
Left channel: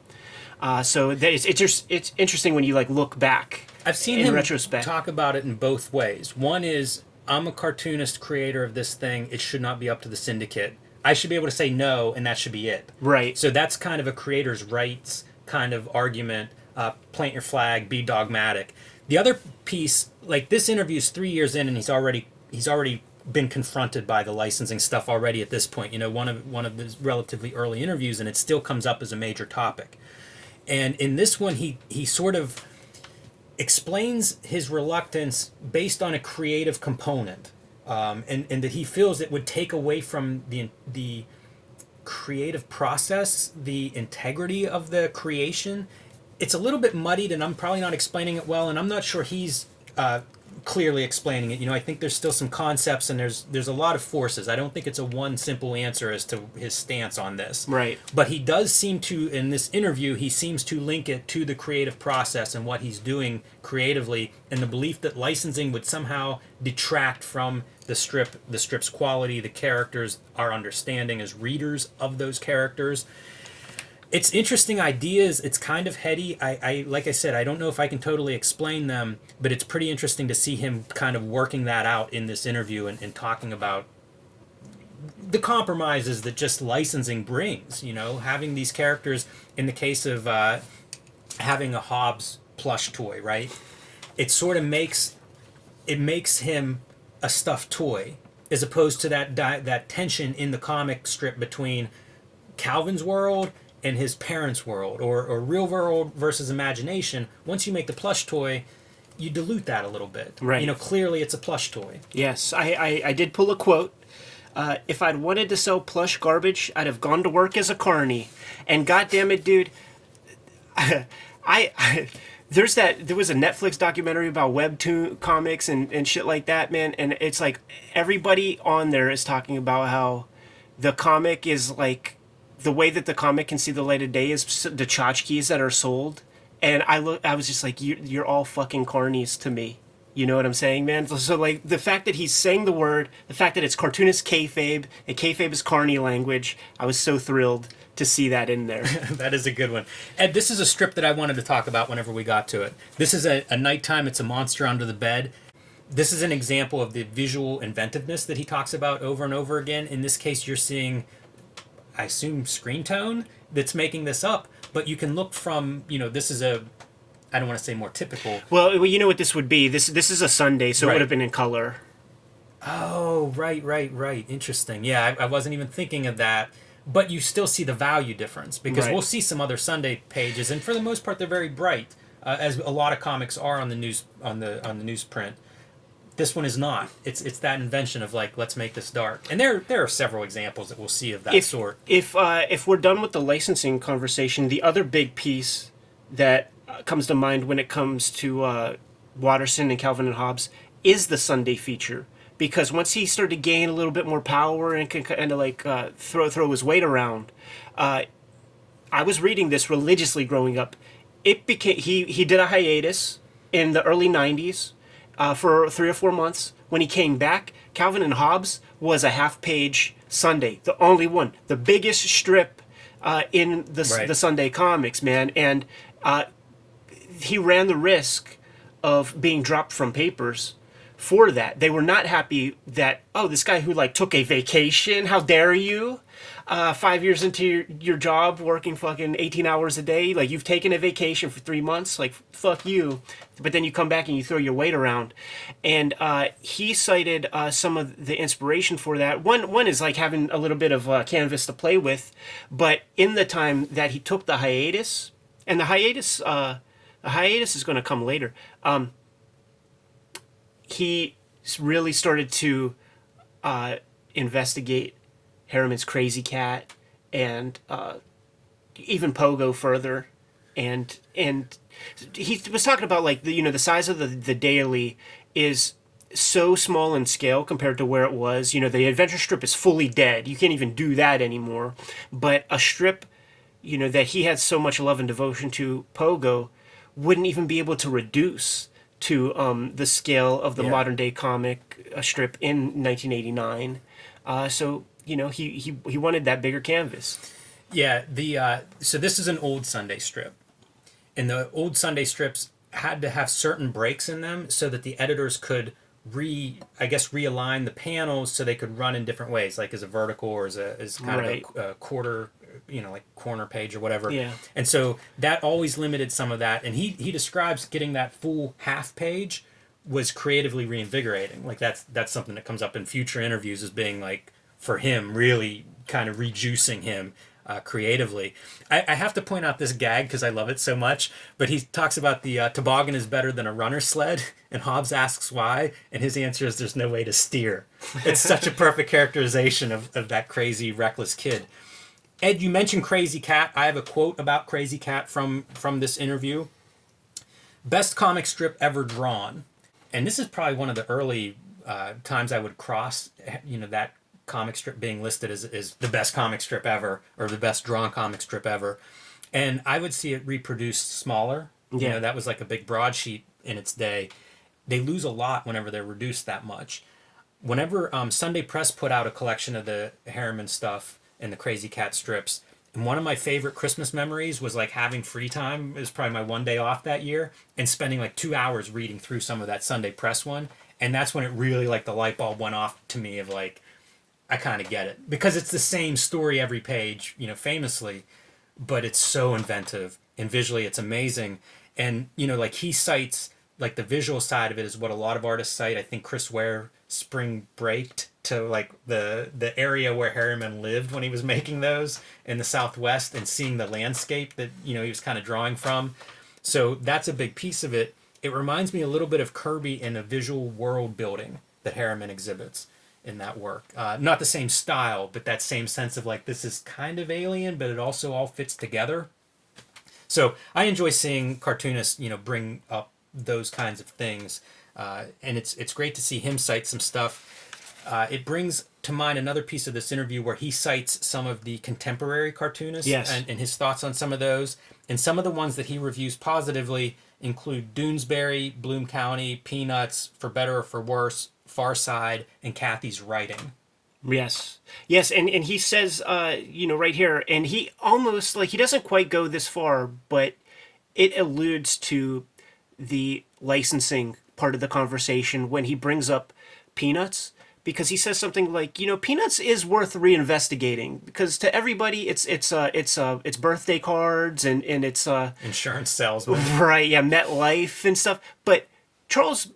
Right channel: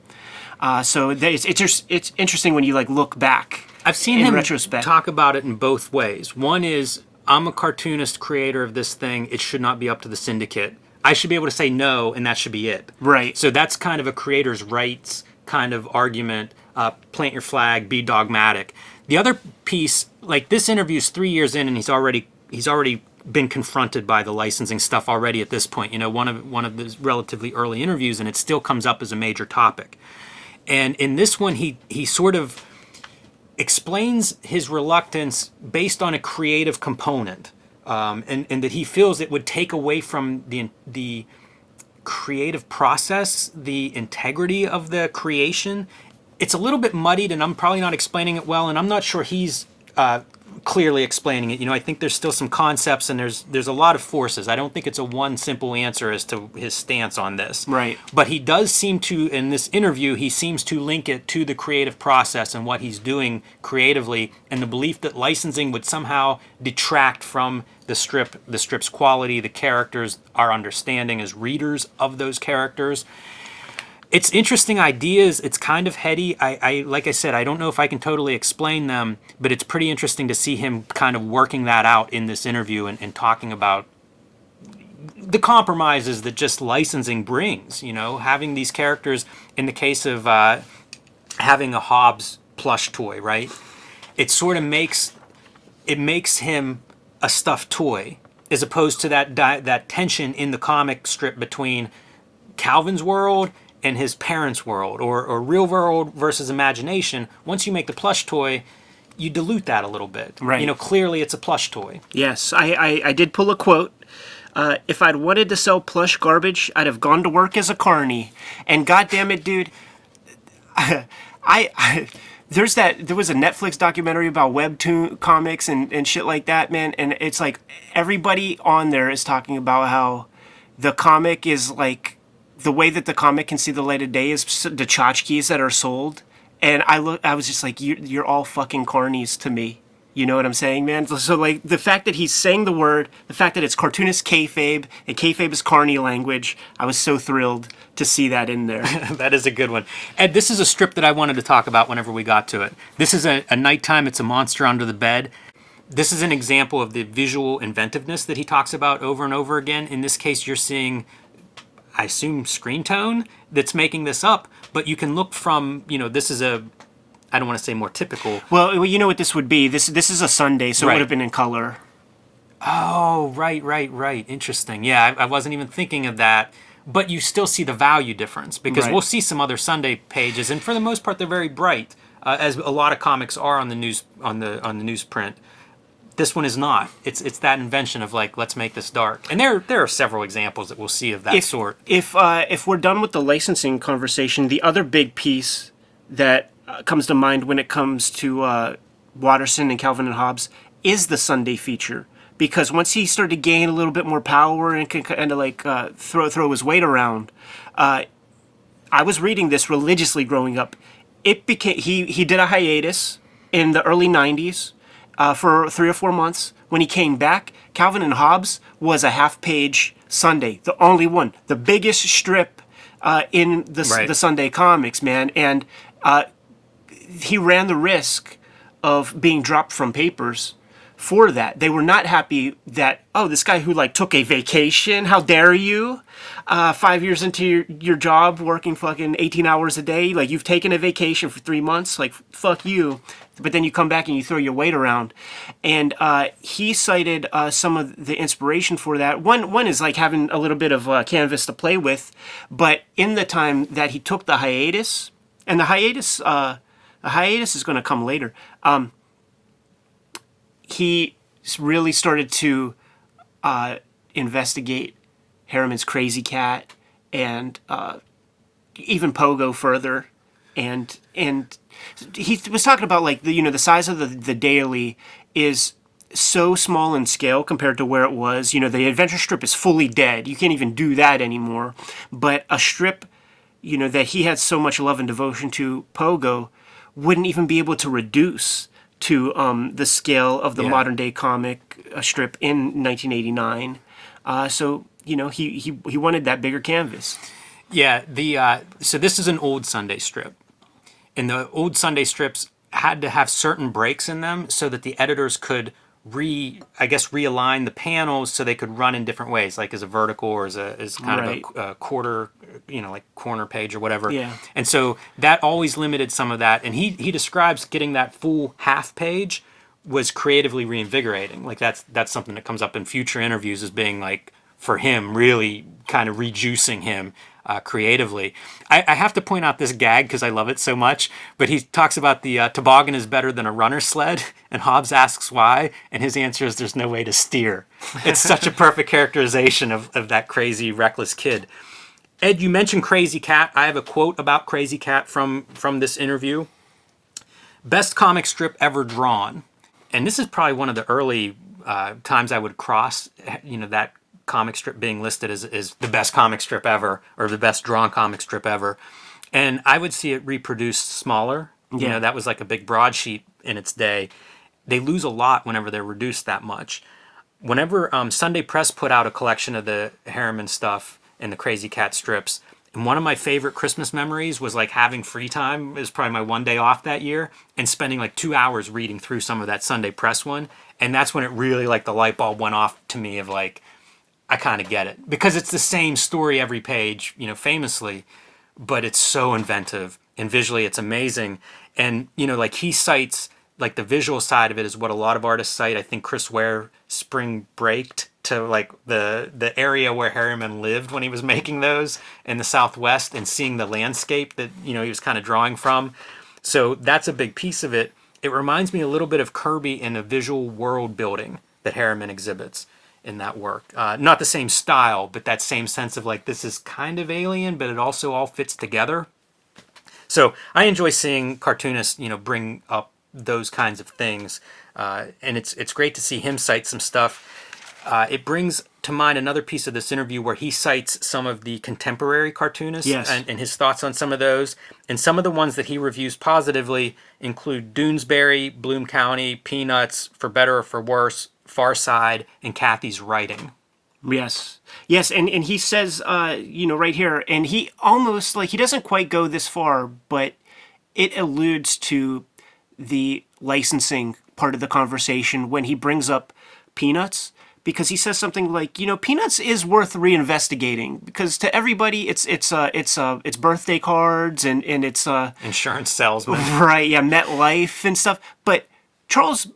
So it's interesting when you, like, look back. I've seen in him retrospect talk about it in both ways. One is, I'm a cartoonist, creator of this thing. It should not be up to the syndicate. I should be able to say no, and that should be it. Right. So that's kind of a creator's rights kind of argument. Plant your flag, be dogmatic. The other piece, like, this interview's 3 years in, and he's already been confronted by the licensing stuff already at this point. You know, one of the relatively early interviews, and it still comes up as a major topic. And in this one, he sort of explains his reluctance based on a creative component, and that he feels it would take away from the creative process, the integrity of the creation. It's a little bit muddied, and I'm probably not explaining it well, and I'm not sure he's clearly explaining it. I think there's still some concepts and there's a lot of forces. I don't think it's a one simple answer as to his stance on this. Right. But he does seem to, in this interview, he seems to link it to the creative process and what he's doing creatively, and the belief that licensing would somehow detract from the strip's quality, the characters, our understanding as readers of those characters. It's interesting ideas. It's kind of heady. I like I said, I don't know if I can totally explain them, but it's pretty interesting to see him kind of working that out in this interview and talking about the compromises that just licensing brings. Having these characters, in the case of having a Hobbes plush toy, right? It sort of makes him a stuffed toy, as opposed to that tension in the comic strip between Calvin's world and his parents' world, or real world versus imagination. Once you make the plush toy, you dilute that a little bit. Right. Clearly it's a plush toy. Yes, I did pull a quote. If I'd wanted to sell plush garbage, I'd have gone to work as a carny. And goddamn it, dude, there was a Netflix documentary about webtoon comics and shit like that, man. And it's like everybody on there is talking about how the comic is like, the way that the comic can see the light of day is the tchotchkes that are sold. And I was just like, you're all fucking carnies to me. You know what I'm saying, man? So like the fact that he's saying the word, the fact that it's cartoonist kayfabe, and kayfabe is carny language, I was so thrilled to see that in there. That is a good one. Ed, this is a strip that I wanted to talk about whenever we got to it. This is a nighttime, it's a monster under the bed. This is an example of the visual inventiveness that he talks about over and over again. In this case, you're seeing, I assume, screen tone that's making this up, but you can look from, this is I don't want to say more typical. Well, you know what this would be? This is a Sunday, so Right. it would have been in color. Oh, right. Interesting. Yeah, I wasn't even thinking of that. But you still see the value difference, because Right. we'll see some other Sunday pages, and for the most part, they're very bright, as a lot of comics are on the newsprint. This one is not. It's that invention of like, let's make this dark. And there are several examples that we'll see of that sort. If we're done with the licensing conversation, the other big piece that comes to mind when it comes to Watterson and Calvin and Hobbes is the Sunday feature. Because once he started to gain a little bit more power and can kind of like throw his weight around, I was reading this religiously growing up. It became he did a hiatus in the early '90s for 3 or 4 months. When he came back, Calvin and Hobbes was a half-page Sunday, the only one, the biggest strip in the Sunday comics, man, and he ran the risk of being dropped from papers for that. They were not happy that, oh, this guy who like took a vacation, how dare you? 5 years into your job working fucking 18 hours a day, like you've taken a vacation for 3 months, like fuck you. But then you come back and you throw your weight around. And he cited some of the inspiration for that. One is like having a little bit of canvas to play with. But in the time that he took the hiatus, and the hiatus is going to come later, he really started to investigate Harriman's Crazy Cat and even Pogo further, and he was talking about like the size of the daily is so small in scale compared to where it was. The adventure strip is fully dead. You can't even do that anymore. But a strip, that he had so much love and devotion to, Pogo, wouldn't even be able to reduce to the scale of the modern day comic strip in 1989. So he wanted that bigger canvas. Yeah, so this is an old Sunday strip. And the old Sunday strips had to have certain breaks in them so that the editors could realign the panels so they could run in different ways, like as a vertical or as kind of a quarter, like corner page or whatever. Yeah. And so that always limited some of that. And he describes getting that full half page was creatively reinvigorating. Like that's something that comes up in future interviews as being like, for him, really kind of rejuicing him creatively. I have to point out this gag because I love it so much, but he talks about the toboggan is better than a runner sled, and Hobbes asks why, and his answer is there's no way to steer. It's such a perfect characterization of that crazy, reckless kid. Ed, you mentioned Crazy Cat. I have a quote about Crazy Cat from this interview. Best comic strip ever drawn. and this is probably one of the early times I would cross, that comic strip being listed as the best comic strip ever or the best drawn comic strip ever. And I would see it reproduced smaller. Yeah. That was like a big broadsheet in its day. They lose a lot whenever they're reduced that much. Whenever Sunday Press put out a collection of the Harriman stuff and the Crazy Cat strips, and one of my favorite Christmas memories was like having free time. It was probably my one day off that year, and spending like 2 hours reading through some of that Sunday Press one. And that's when it really, like, the light bulb went off to me of like, I kind of get it. Because it's the same story every page, famously, but it's so inventive and visually it's amazing. And, like, he cites, like, the visual side of it is what a lot of artists cite. I think Chris Ware spring breaked to, like, the area where Harriman lived when he was making those in the Southwest, and seeing the landscape that, he was kind of drawing from. So that's a big piece of it. It reminds me a little bit of Kirby in the visual world building that Harriman exhibits in that work. Not the same style, but that same sense of like, this is kind of alien, but it also all fits together. So I enjoy seeing cartoonists, bring up those kinds of things. And it's great to see him cite some stuff. It brings to mind another piece of this interview where he cites some of the contemporary cartoonists. Yes. and his thoughts on some of those. And some of the ones that he reviews positively include Doonesbury, Bloom County, Peanuts, For Better or For Worse, Far Side, and Kathy's Writing. Yes. Yes, and he says, right here, and he almost, like, he doesn't quite go this far, but it alludes to the licensing part of the conversation when he brings up Peanuts, because he says something like, Peanuts is worth reinvestigating, because to everybody it's birthday cards and it's Insurance salesman. right, yeah, MetLife and stuff. But Charles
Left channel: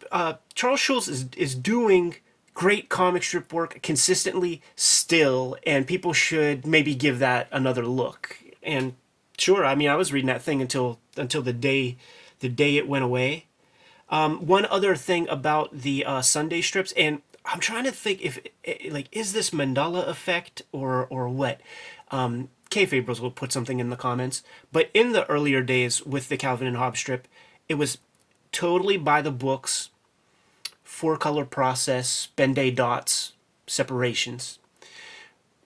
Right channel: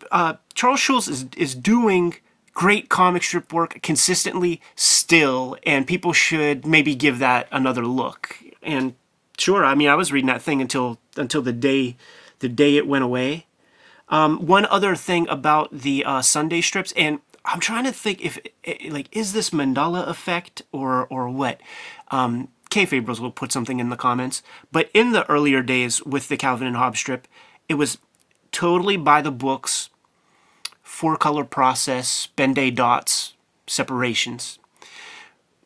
Schulz is doing great comic strip work consistently still, and people should maybe give that another look. And sure, I mean, I was reading that thing until the day it went away. One other thing about the Sunday strips, and I'm trying to think if, like, is this Mandela effect or what? Kayfabe will put something in the comments. But in the earlier days with the Calvin and Hobbes strip, it was totally by the books, 4-color process, Ben-Day dots, separations.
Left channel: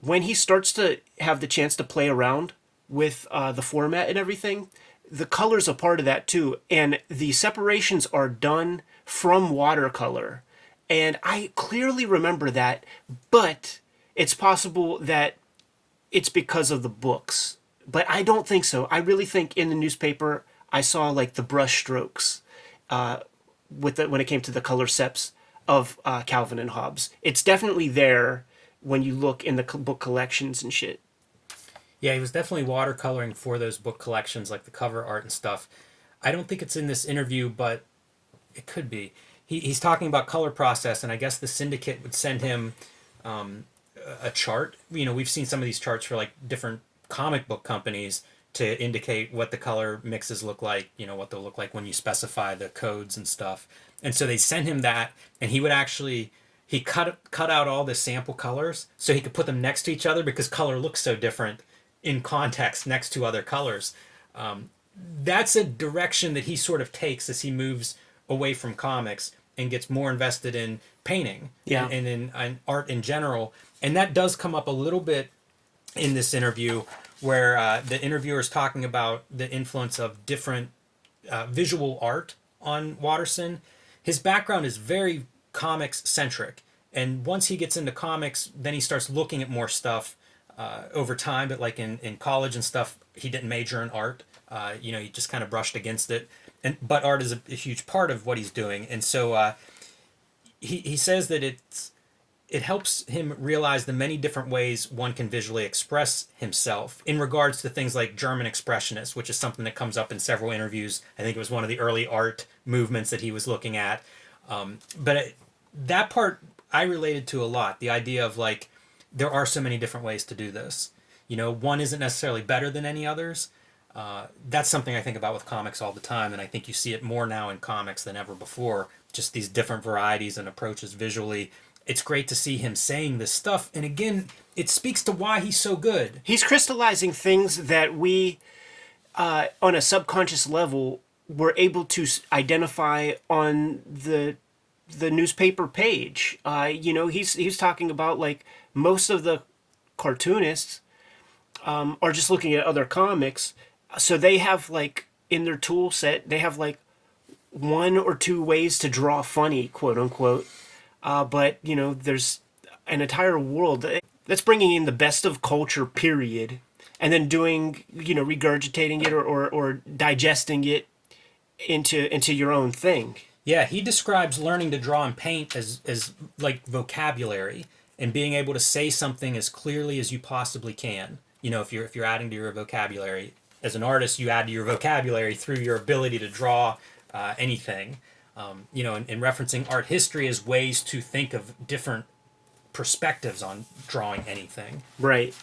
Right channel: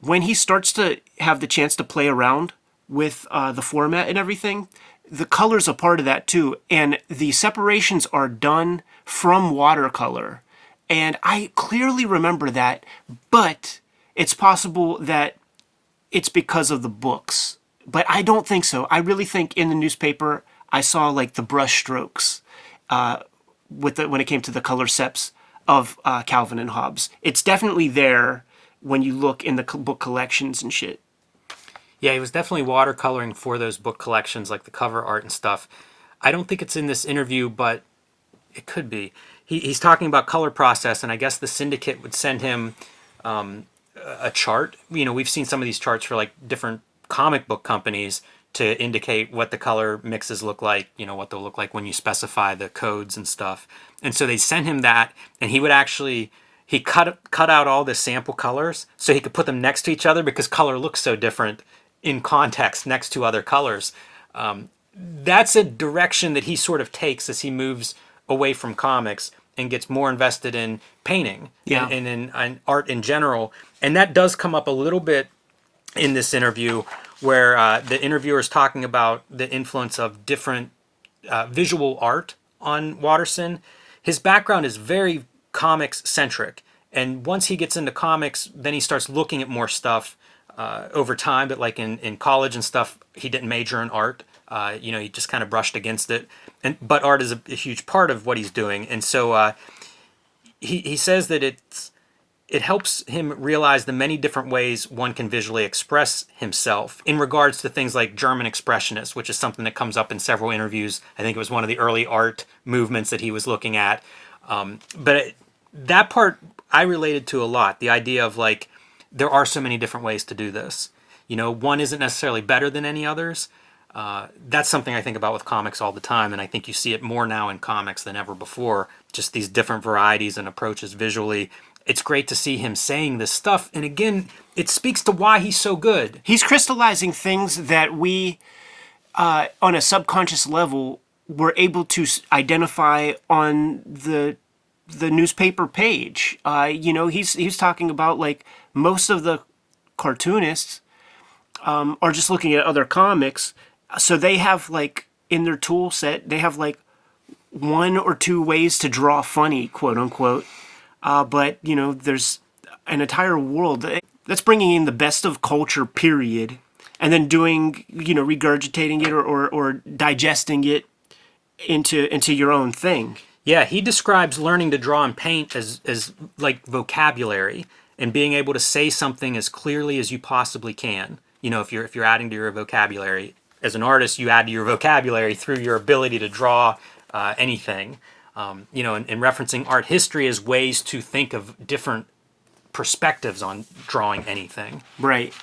When he starts to have the chance to play around with the format and everything, the color's a part of that too. And the separations are done from watercolor. And I clearly remember that, but it's possible that it's because of the books. But I don't think so. I really think in the newspaper, I saw like the brush strokes when it came to the color seps of Calvin and Hobbes. It's definitely there when you look in the book collections and shit. Yeah, he was definitely watercoloring for those book collections, like the cover art and stuff. I don't think it's in this interview, but it could be. He's talking about color process, and I guess the syndicate would send him a chart. We've seen some of these charts for like different comic book companies to indicate what the color mixes look like, what they'll look like when you specify the codes and stuff. And so they sent him that, and he would actually, he cut out all the sample colors so he could put them next to each other, because color looks so different in context next to other colors. That's a direction that he sort of takes as he moves away from comics and gets more invested in painting and in art in general. And that does come up a little bit in this interview, where the interviewer is talking about the influence of different visual art on Watterson. His background is very comics centric, and once he gets into comics, then he starts looking at more stuff over time. But like in college and stuff, he didn't major in art. He just kind of brushed against it. But art is a huge part of what he's doing, and so he says that it helps him realize the many different ways one can visually express himself in regards to things like German expressionists, which is something that comes up in several interviews. I think it was one of the early art movements that he was looking at. That part I related to a lot. The idea of like, there are so many different ways to do this. One isn't necessarily better than any others. That's something I think about with comics all the time, and I think you see it more now in comics than ever before, just these different varieties and approaches visually. It's great to see him saying this stuff, and again, it speaks to why he's so good. He's crystallizing things that we, on a subconscious level, were able to identify on the the newspaper page. He's talking about like most of the cartoonists are just looking at other comics, so they have like in their tool set they have like one or two ways to draw funny, quote unquote. But there's an entire world that's bringing in the best of culture, period, and then doing regurgitating it or digesting it into your own thing. Yeah, he describes learning to draw and paint as like vocabulary and being able to say something as clearly as you possibly can. If you're adding to your vocabulary as an artist, you add to your vocabulary through your ability to draw anything. And referencing art history as ways to think of different perspectives on drawing anything. Right.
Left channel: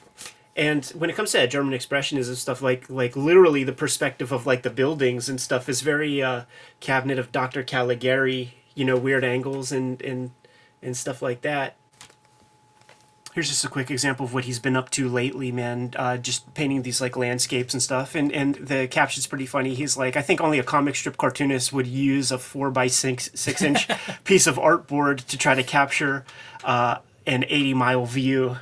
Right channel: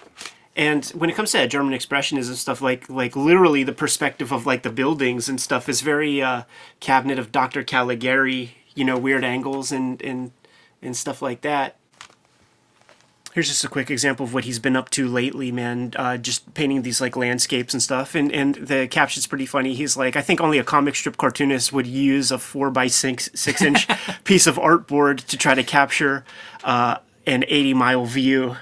And when it comes to German expressionism stuff, like literally the perspective of like the buildings and stuff is very cabinet of Dr. Caligari, weird angles and stuff like that. Here's just a quick example of what he's been up to lately, man. Just painting these like landscapes and stuff, and the caption's pretty funny. He's like, I think only a comic strip cartoonist would use a 4x6 inch piece of artboard to try to capture an 80-mile view.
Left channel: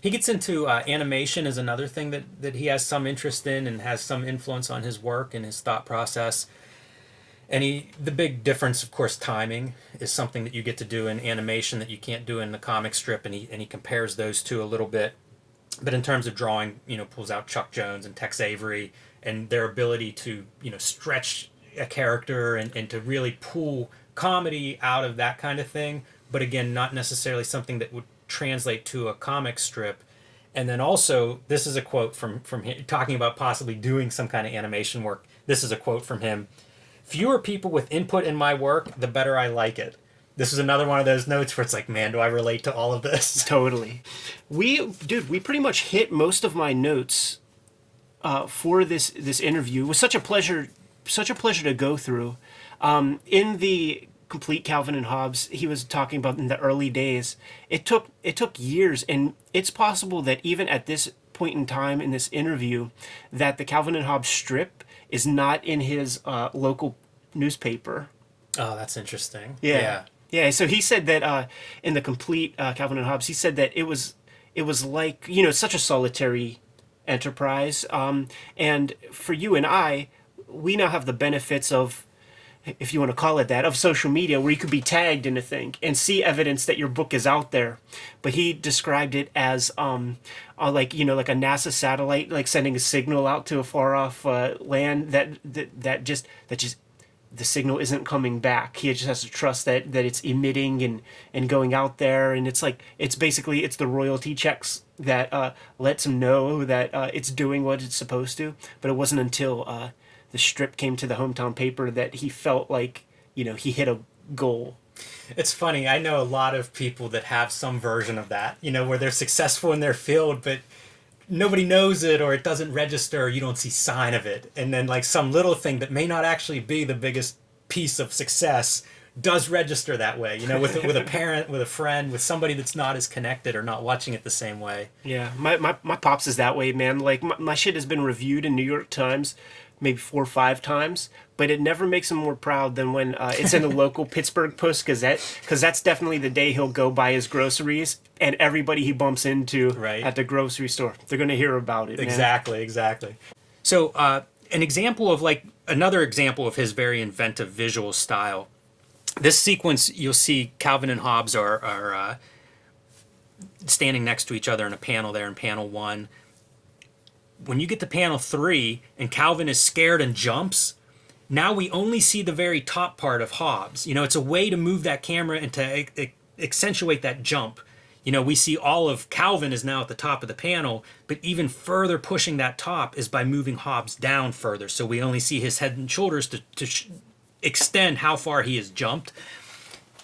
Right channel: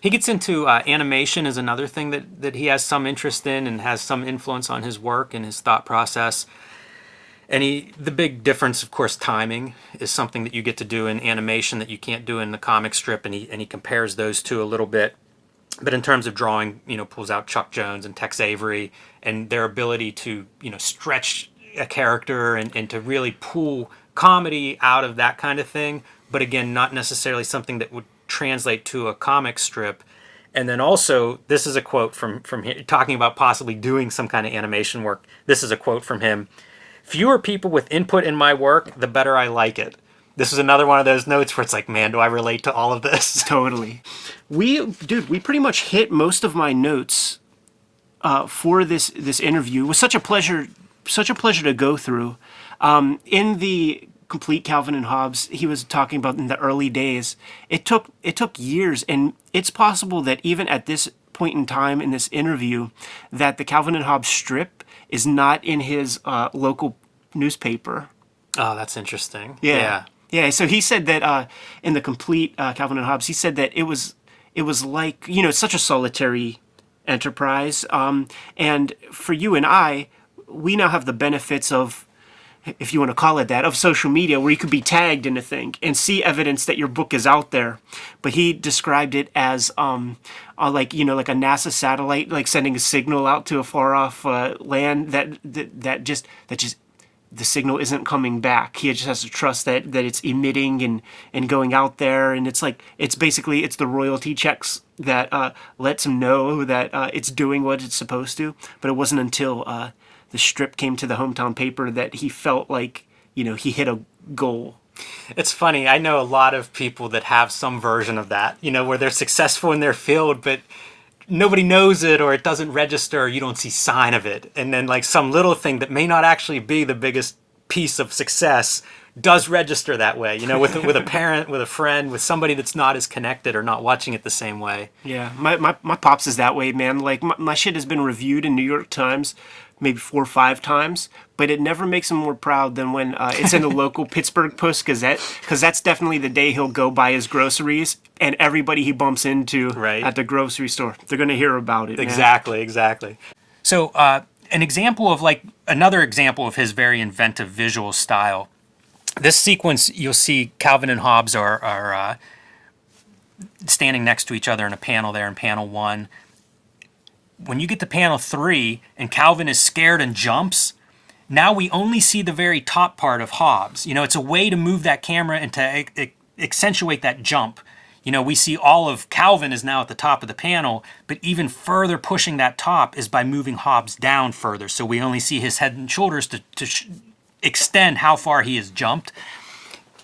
He gets into animation as another thing that he has some interest in and has some influence on his work and his thought process. And the big difference, of course, timing is something that you get to do in animation that you can't do in the comic strip, and he compares those two a little bit. But in terms of drawing, pulls out Chuck Jones and Tex Avery and their ability to, stretch a character and to really pull comedy out of that kind of thing. But again, not necessarily something that would translate to a comic strip. And then also, this is a quote from him, talking about possibly doing some kind of animation work. This is a quote from him. Fewer people with input in my work, the better I like it. This is another one of those notes where it's like, man, do I relate to all of this? Totally. We pretty much hit most of my notes for this interview. It was such a pleasure to go through. In the complete Calvin and Hobbes, he was talking about in the early days. It took years, and it's possible that even at this point in time in this interview, that the Calvin and Hobbes strip is not in his local newspaper. Oh, that's interesting. Yeah. So he said that in the complete Calvin and Hobbes, he said that it was like such a solitary enterprise. And for you and I, we now have the benefits of, if you want to call it that, of social media, where you could be tagged in a thing and see evidence that your book is out there. But he described it as like a NASA satellite, like sending a signal out to a far off land that just the signal isn't coming back. He just has to trust that it's emitting and going out there, and it's basically the royalty checks that lets him know that it's doing what it's supposed to. But it wasn't until the strip came to the hometown paper that he felt like he hit a goal. It's funny. I know a lot of people that have some version of that, where they're successful in their field, but nobody knows it, or it doesn't register, or you don't see sign of it. And then like some little thing that may not actually be the biggest piece of success does register that way, with a parent, with a friend, with somebody that's not as connected or not watching it the same way. Yeah, my pops is that way, man. Like my shit has been reviewed in New York Times maybe 4 or 5 times, but it never makes him more proud than when it's in the local Pittsburgh Post-Gazette, because that's definitely the day he'll go buy his groceries, and everybody he bumps into at the grocery store, they're going to hear about it. Exactly. So another example of his very inventive visual style. This sequence, you'll see Calvin and Hobbes are standing next to each other in a panel there in panel 1. When you get to panel 3 and Calvin is scared and jumps, now we only see the very top part of Hobbes. It's a way to move that camera and to accentuate that jump. We see all of Calvin is now at the top of the panel, but even further pushing that top is by moving Hobbes down further. So we only see his head and shoulders to extend how far he has jumped.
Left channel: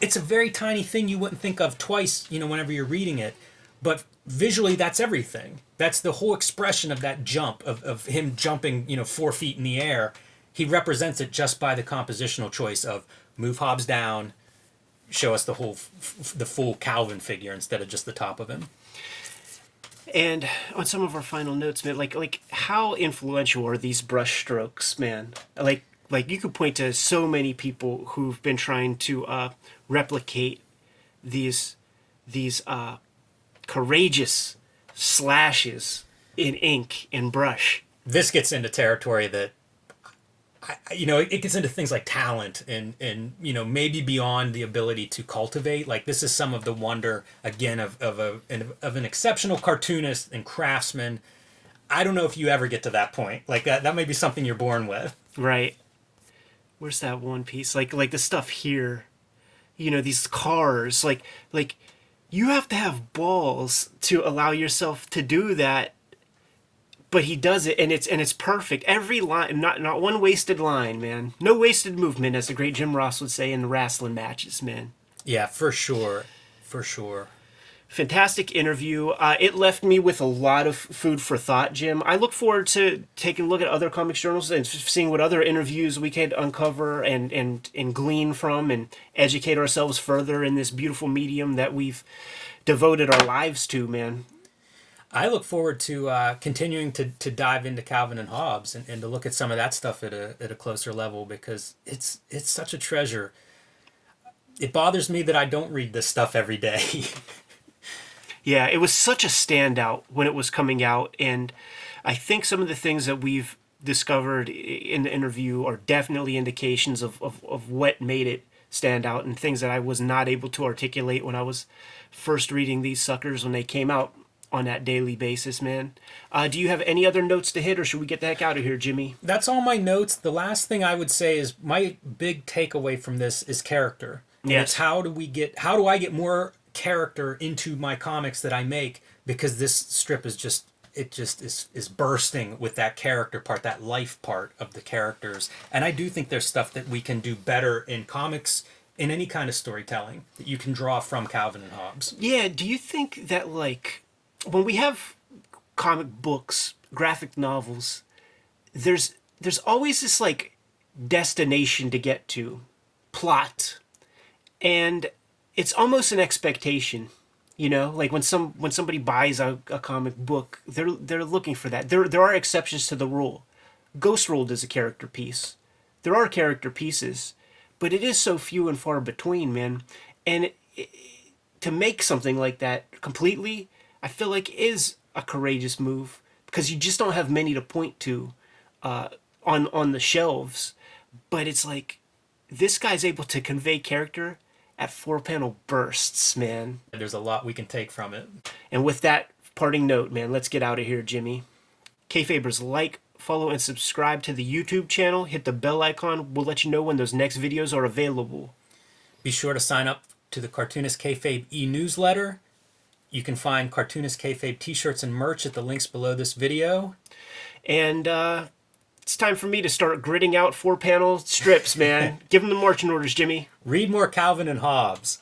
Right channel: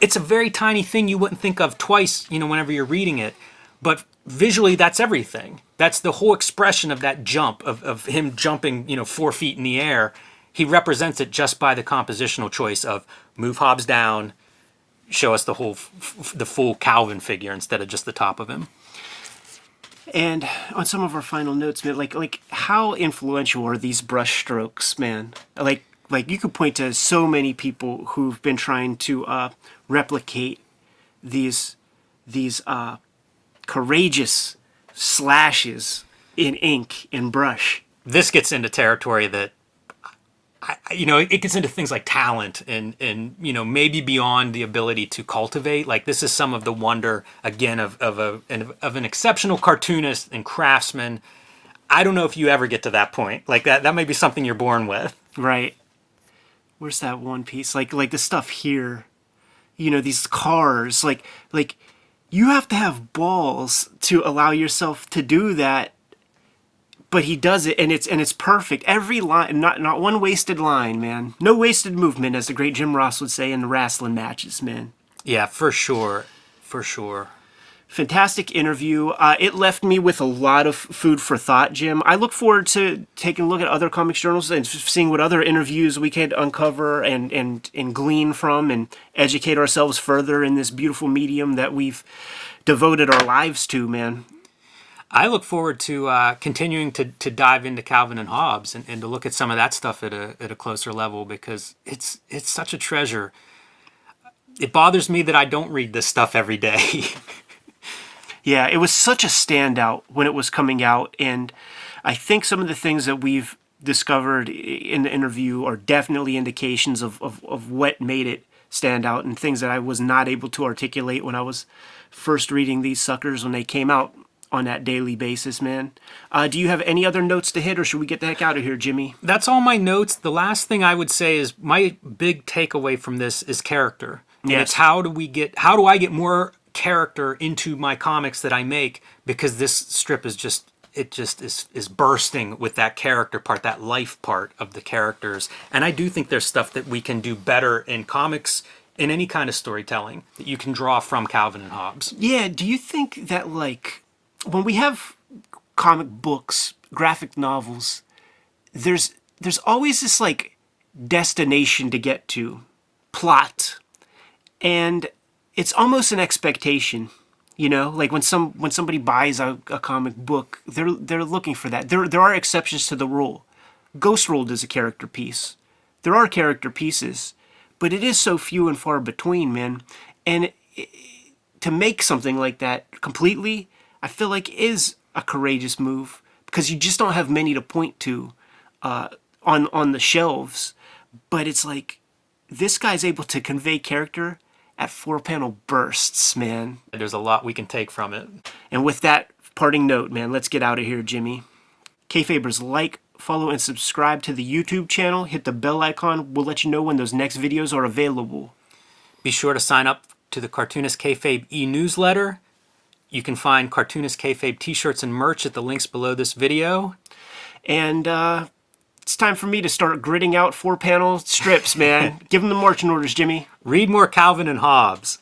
It's a very tiny thing you wouldn't think of twice, whenever you're reading it. But visually, that's everything. That's the whole expression of that jump, of him jumping, 4 feet in the air. He represents it just by the compositional choice of move Hobbes down, show us the full Calvin figure instead of just the top of him. And on some of our final notes, man, like how influential are these brush strokes, man? Like like you could point to so many people who've been trying to replicate these courageous slashes in ink and brush. This gets into territory that it gets into things like talent and maybe beyond the ability to cultivate. Like this is some of the wonder again of an exceptional cartoonist and craftsman. I don't know if you ever get to that point. Like that may be something you're born with. Right. Where's that one piece? Like the stuff here, these cars, like you have to have balls to allow yourself to do that. But he does it, and it's perfect. Every line, not one wasted line, man. No wasted movement, as the great Jim Ross would say in the wrestling matches, man. Yeah, for sure. For sure. Fantastic interview. It left me with a lot of food for thought, Jim. I look forward to taking a look at other comics journals and seeing what other interviews we can uncover and glean from and educate ourselves further in this beautiful medium that we've devoted our lives to, man. I look forward to continuing to dive into Calvin and Hobbes and to look at some of that stuff at a closer level because it's such a treasure. It bothers me that I don't read this stuff every day. Yeah, it was such a standout when it was coming out, and I think some of the things that we've discovered in the interview are definitely indications of what made it stand out and things that I was not able to articulate when I was first reading these suckers when they came out on that daily basis, man. Do you have any other notes to hit, or should we get the heck out of here, Jimmy? That's all my notes. The last thing I would say is my big takeaway from this is character. And Yes. it's how do I get more character into my comics that I make, because this strip is just bursting with that character part, that life part of the characters. And I do think there's stuff that we can do better in comics, in any kind of storytelling, that you can draw from Calvin and Hobbes. Yeah, do you think that, like, when we have comic books, graphic novels, there's always this, like, destination to get to, plot, and it's almost an expectation, like when somebody buys a comic book, they're looking for that. There are exceptions to the rule. Ghost World is a character piece. There are character pieces, but it is so few and far between, man. And to make something like that completely, I feel like is a courageous move because you just don't have many to point to on the shelves. But it's like this guy's able to convey character at 4-panel bursts, man. There's a lot we can take from it. And with that parting note, man, let's get out of here, Jimmy. Kayfabers, like, follow, and subscribe to the YouTube channel. Hit the bell icon. We'll let you know when those next videos are available. Be sure to sign up to the Cartoonist Kayfabe e-newsletter. You can find Cartoonist Kayfabe t-shirts and merch at the links below this video. And it's time for me to start gridding out 4-panel strips, man. Give them the marching orders, Jimmy. Read more Calvin and Hobbes.